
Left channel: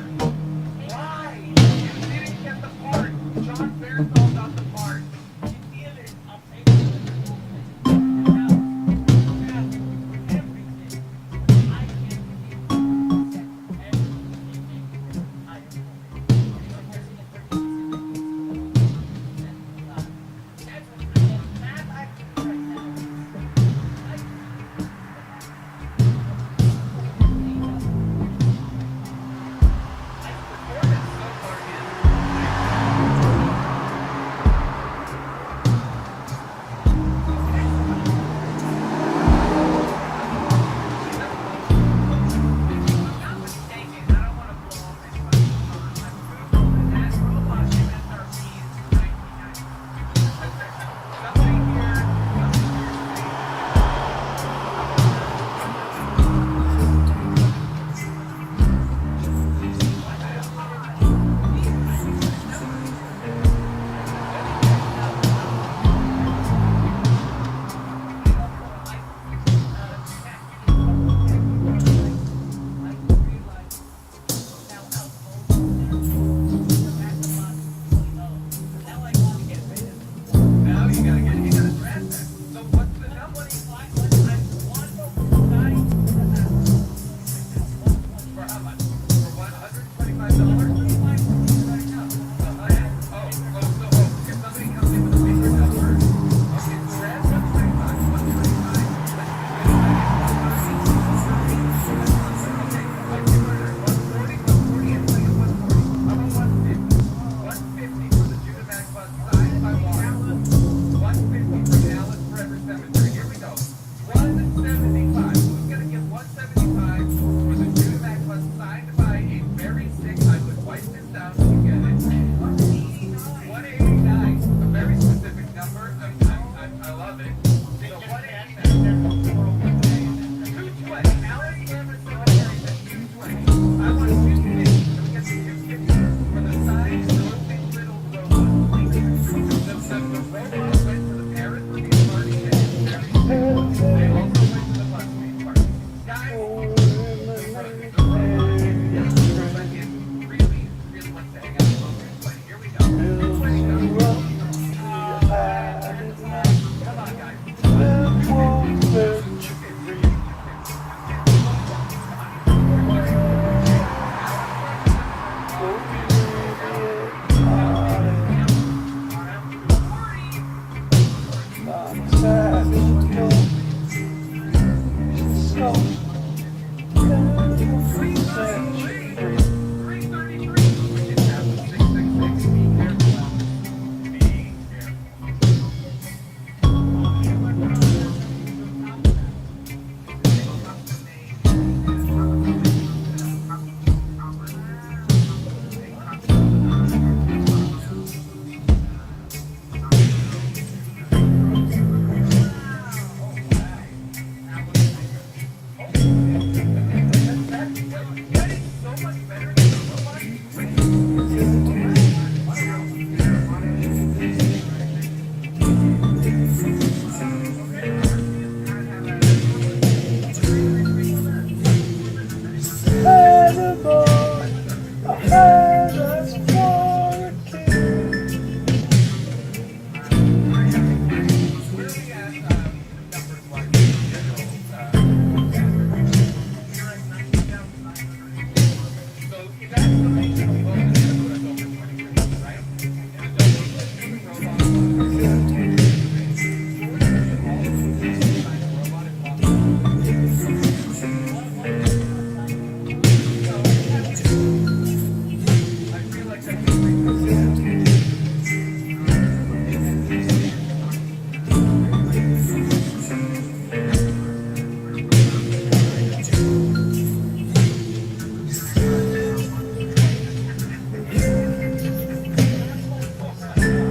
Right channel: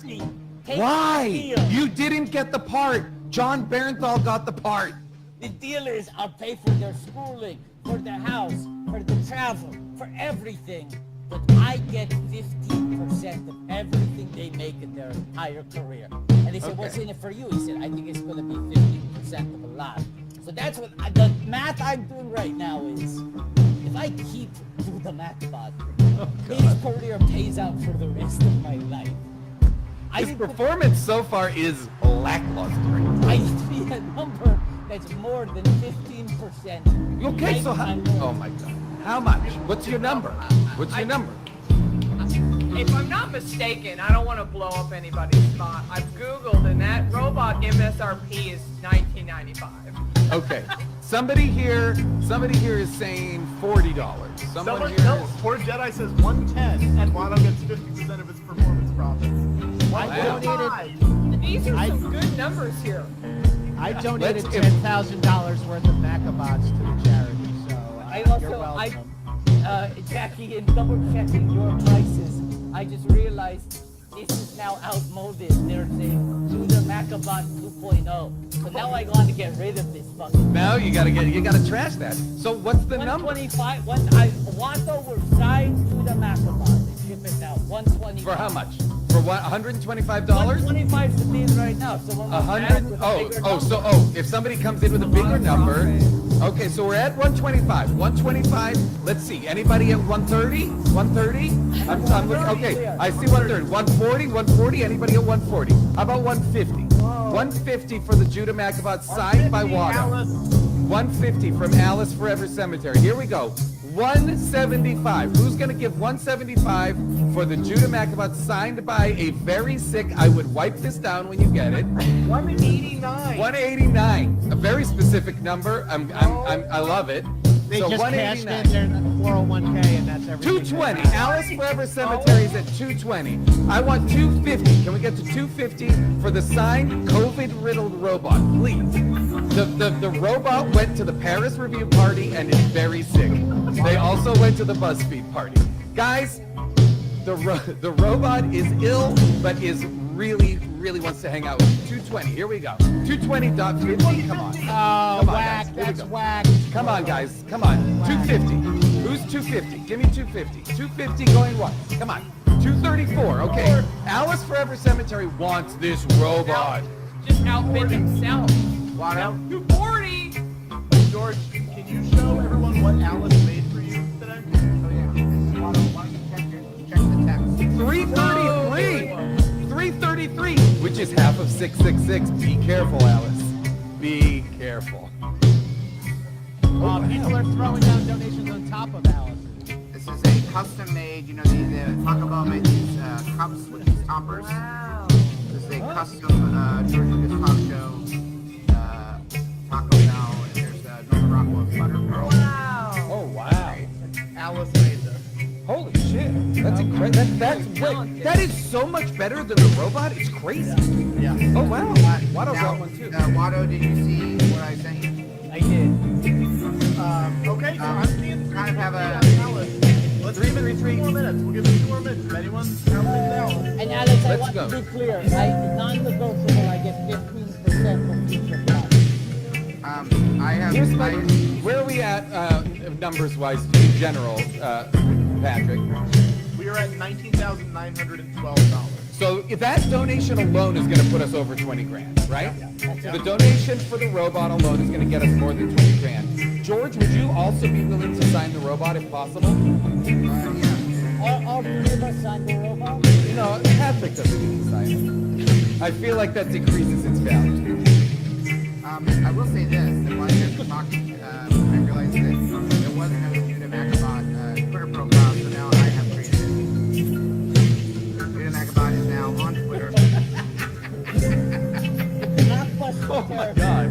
Why? You didn't get the part. John Barenthal got the part. The deal is I'll pay for their schooling, for their house, for their travel, for everything. But I get 15% of everything they make in their entire career. And if it was a for you, he said, I think it's going to be 50% of the lot. So that's what, the math I'm doing right now is, if I keep doing the math about his career pays out for the rest of my life. His performance so far is lackluster. I used to be the number that's more than 15%. Okay, so how much? What's your number? What's your number? If I'm not mistaken, I don't want to blow up anybody's spot. I've Googled and that robot MSRP is $19.95. Okay. Somebody here is saying $40. Someone else, or said I said 110, and bottom is 50% of his performance. These are some good numbers here. I donated Let's $10,000 give- worth of backup. I also, Jackie, in double checking your prices, I just realized this is now outmoded. There's a Judah Macabon 2.0. So now I got to get rid of this fucker. Now you gotta trash that. So what's the number? 125, Wando will side Judah Macabon. Give it now, 125. For how much? For what? $125? 125 is it right now. So when we add with the bigger number- If somebody comes in with a bigger number, okay, so we're at 125. 125. Let's see. Anybody at 130? 130? Okay, I see 130. 140. 140. Anybody at 140? How about 150? 150 for the Judah Macabot signed by Water. 150 from Alice Forever Cemetery. Here we go. 175. Who's going to give 175 for the Judah Macabot signed by a very sick, I would wipe this down when you get it. 189. 189. A very specific number. I love it. They So just cashed 189. in their 401k and that's everything. 220. Alice Forever Cemetery is at 220. I want 250. Can we get to 250 for the signed COVID-riddled robot, please? The robot went to the Paris Review party and is very sick. They also went to the BuzzFeed party. Guys, the robot is ill, but is really wants to hang out with you. 220. Here we go. 220. Doc. 220. Come on. Come on. It's whack. Come on, guys. Come on. 250. Who's 250? Give me 250. 250 going wrong. Come on. 234. Okay. Alice Forever Cemetery wants this robot. Just outbidding the sound. 240. George. 333, which is half of 666. Be careful, Alice. Be careful. People are throwing down donations on top of that. This is a custom made, they talk about making these cups with these toppers. This is a custom taco, Taco Bell, and there's Rocco's Butter Pearl. Oh, wow. Alice made them. Holy shit. That's incredible. That is so much better than the robot. It's crazy. Oh, wow. Watto's got one too. Watto, did you see what I sent you? I did. Okay, I'm kind of have a... Let's leave it 3 more minutes. We'll give it 2 more minutes. Anyone? And Alex, Let's go. to be clear, I'm not going to get 50% I have... Where are we at numbers-wise in general, Patrick? We are at $19,912. So if that donation alone is going to put us over 20 grand, right? The donation for the robot alone is going to get us more than 20 grand. George, would you also be willing to sign the robot if possible? all the people sign the robot. No, half the thing. I feel like that decreases instead. I will say this, while you're talking, I realized that there wasn't a Judah Macabot Twitter profile, so now I have to do Judah Macabot is now on Twitter. Oh my god.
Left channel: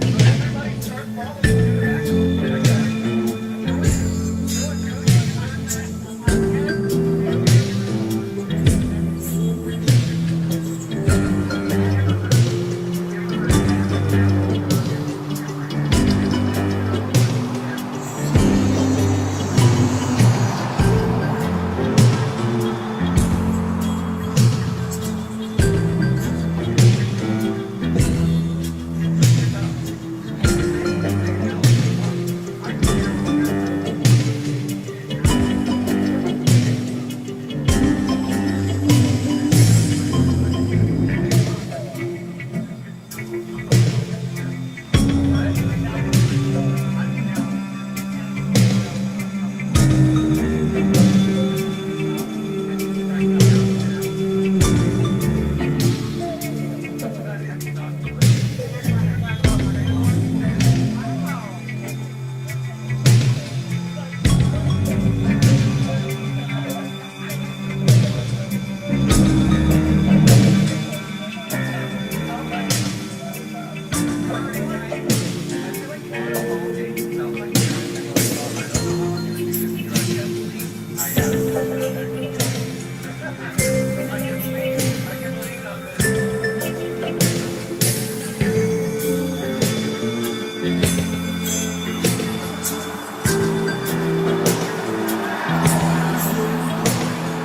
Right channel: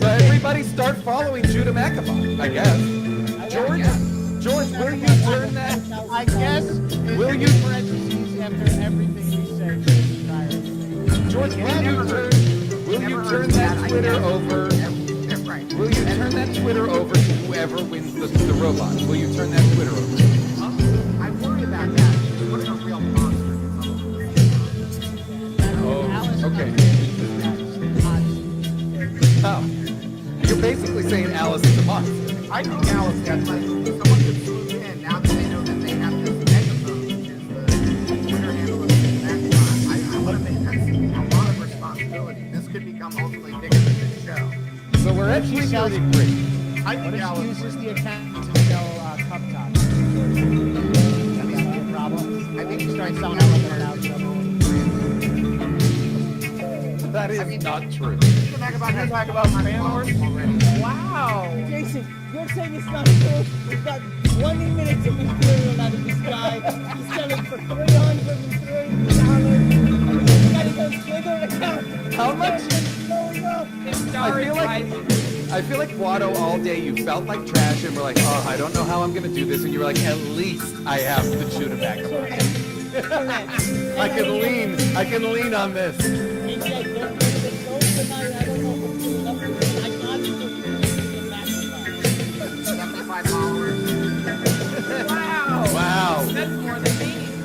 So everybody start following Judah Macabot, I guess. George, will you turn that? I guess Will you? George, will you turn that Twitter over? Will you turn that Twitter over to whoever wins the robot? Will you turn that Twitter over? Oh, okay. You're basically saying Alice is hot. I think now it's better, but someone could see it, and now they know that they have this megaphone. I feel like that's a lot of responsibility. How much? I feel like Watto all day you felt like trash and were like, oh, I don't know how I'm gonna do this, and you were like, at least I have the tuna back. I can lean on this.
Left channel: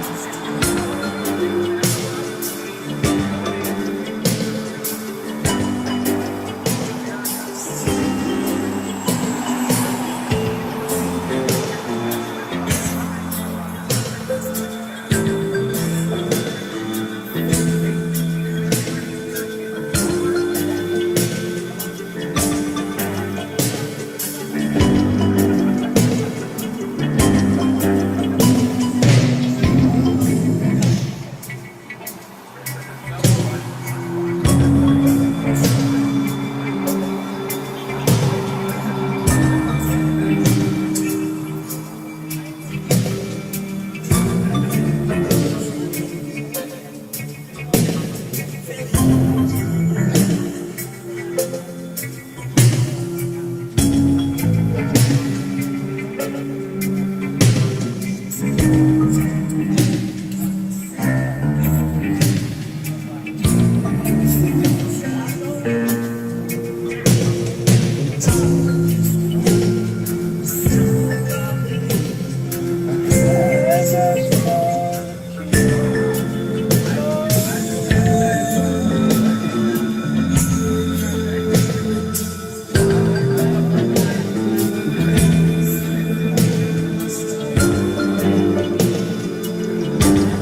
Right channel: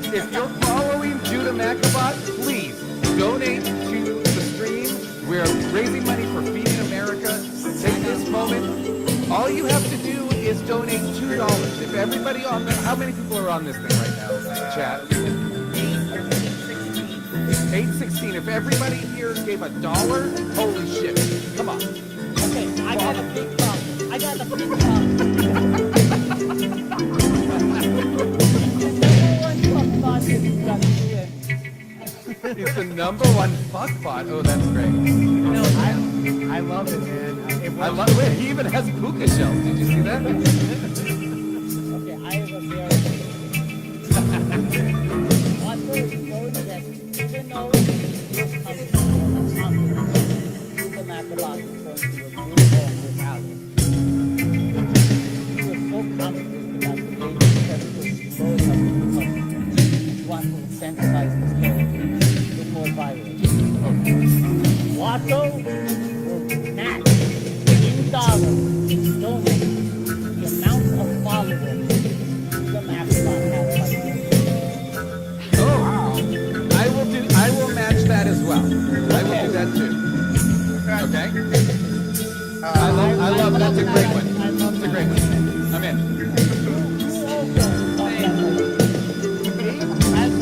If you're following Judah McAbot, please donate to the stream. We're raising money for Feeding America. Take this moment. All you have to do is donate $2. If everybody on this, how many people are on this thing right now? Chat. It's 8:16. If everybody here gave $1, holy shit. Come on. It's the number one talk spot. Oh, that's great. I love it. I love it. He even has a cookie show. See that? I will match that as well. I will do that too. Okay? I love that. That's a great one. That's a great one. I'm in. Now,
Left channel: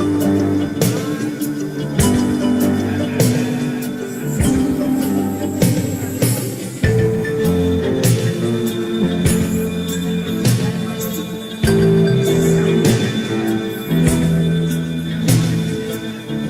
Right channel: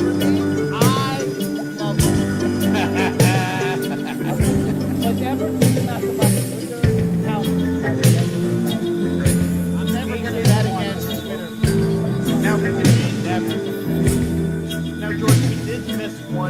George, you did miss one.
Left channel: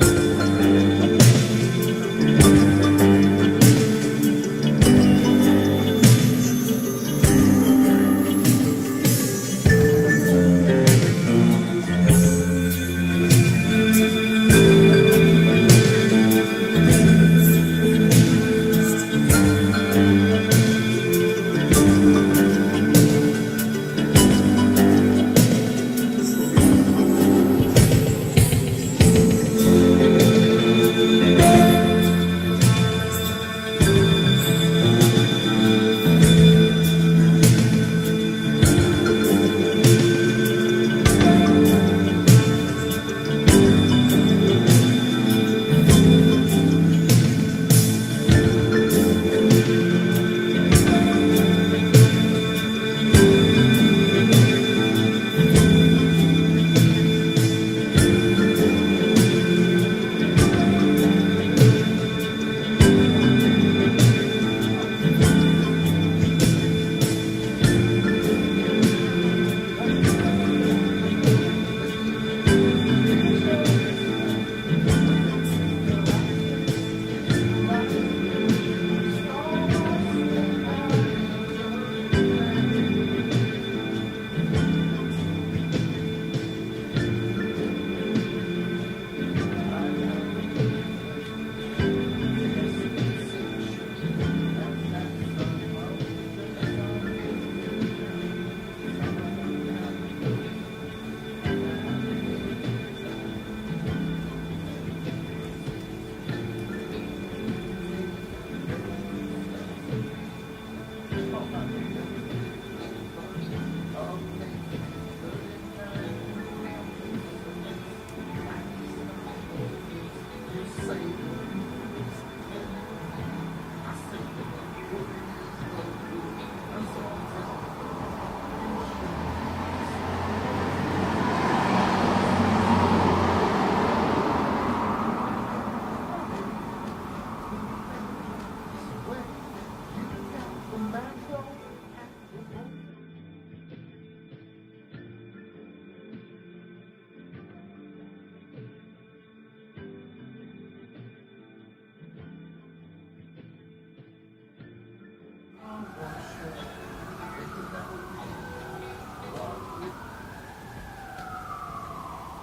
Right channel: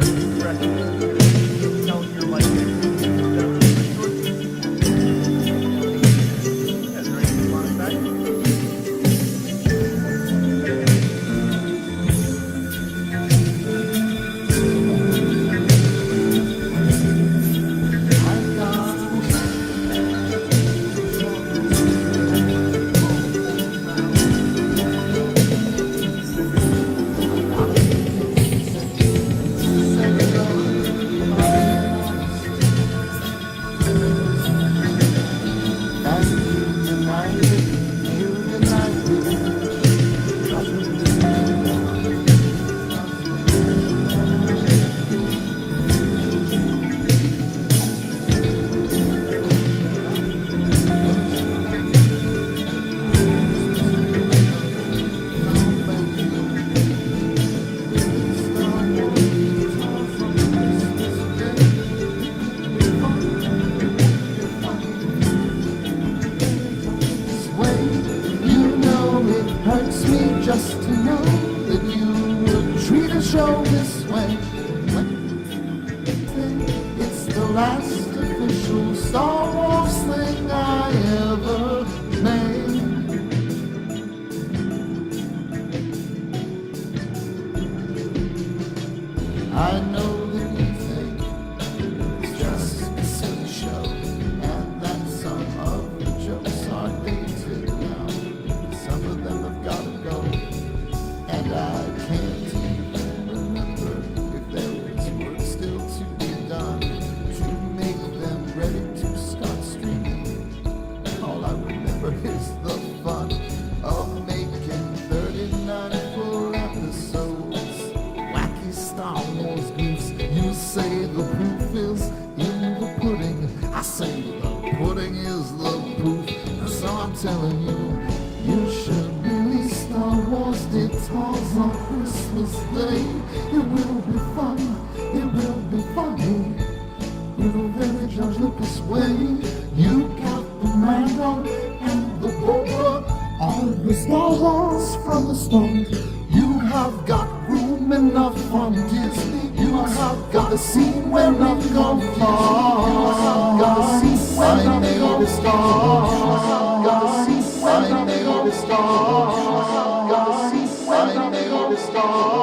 From the stone, you have got room enough from Disney. You have got a scene where I've gone far. You have got a scene where I've gone far. You have got a scene where I've gone far. fall.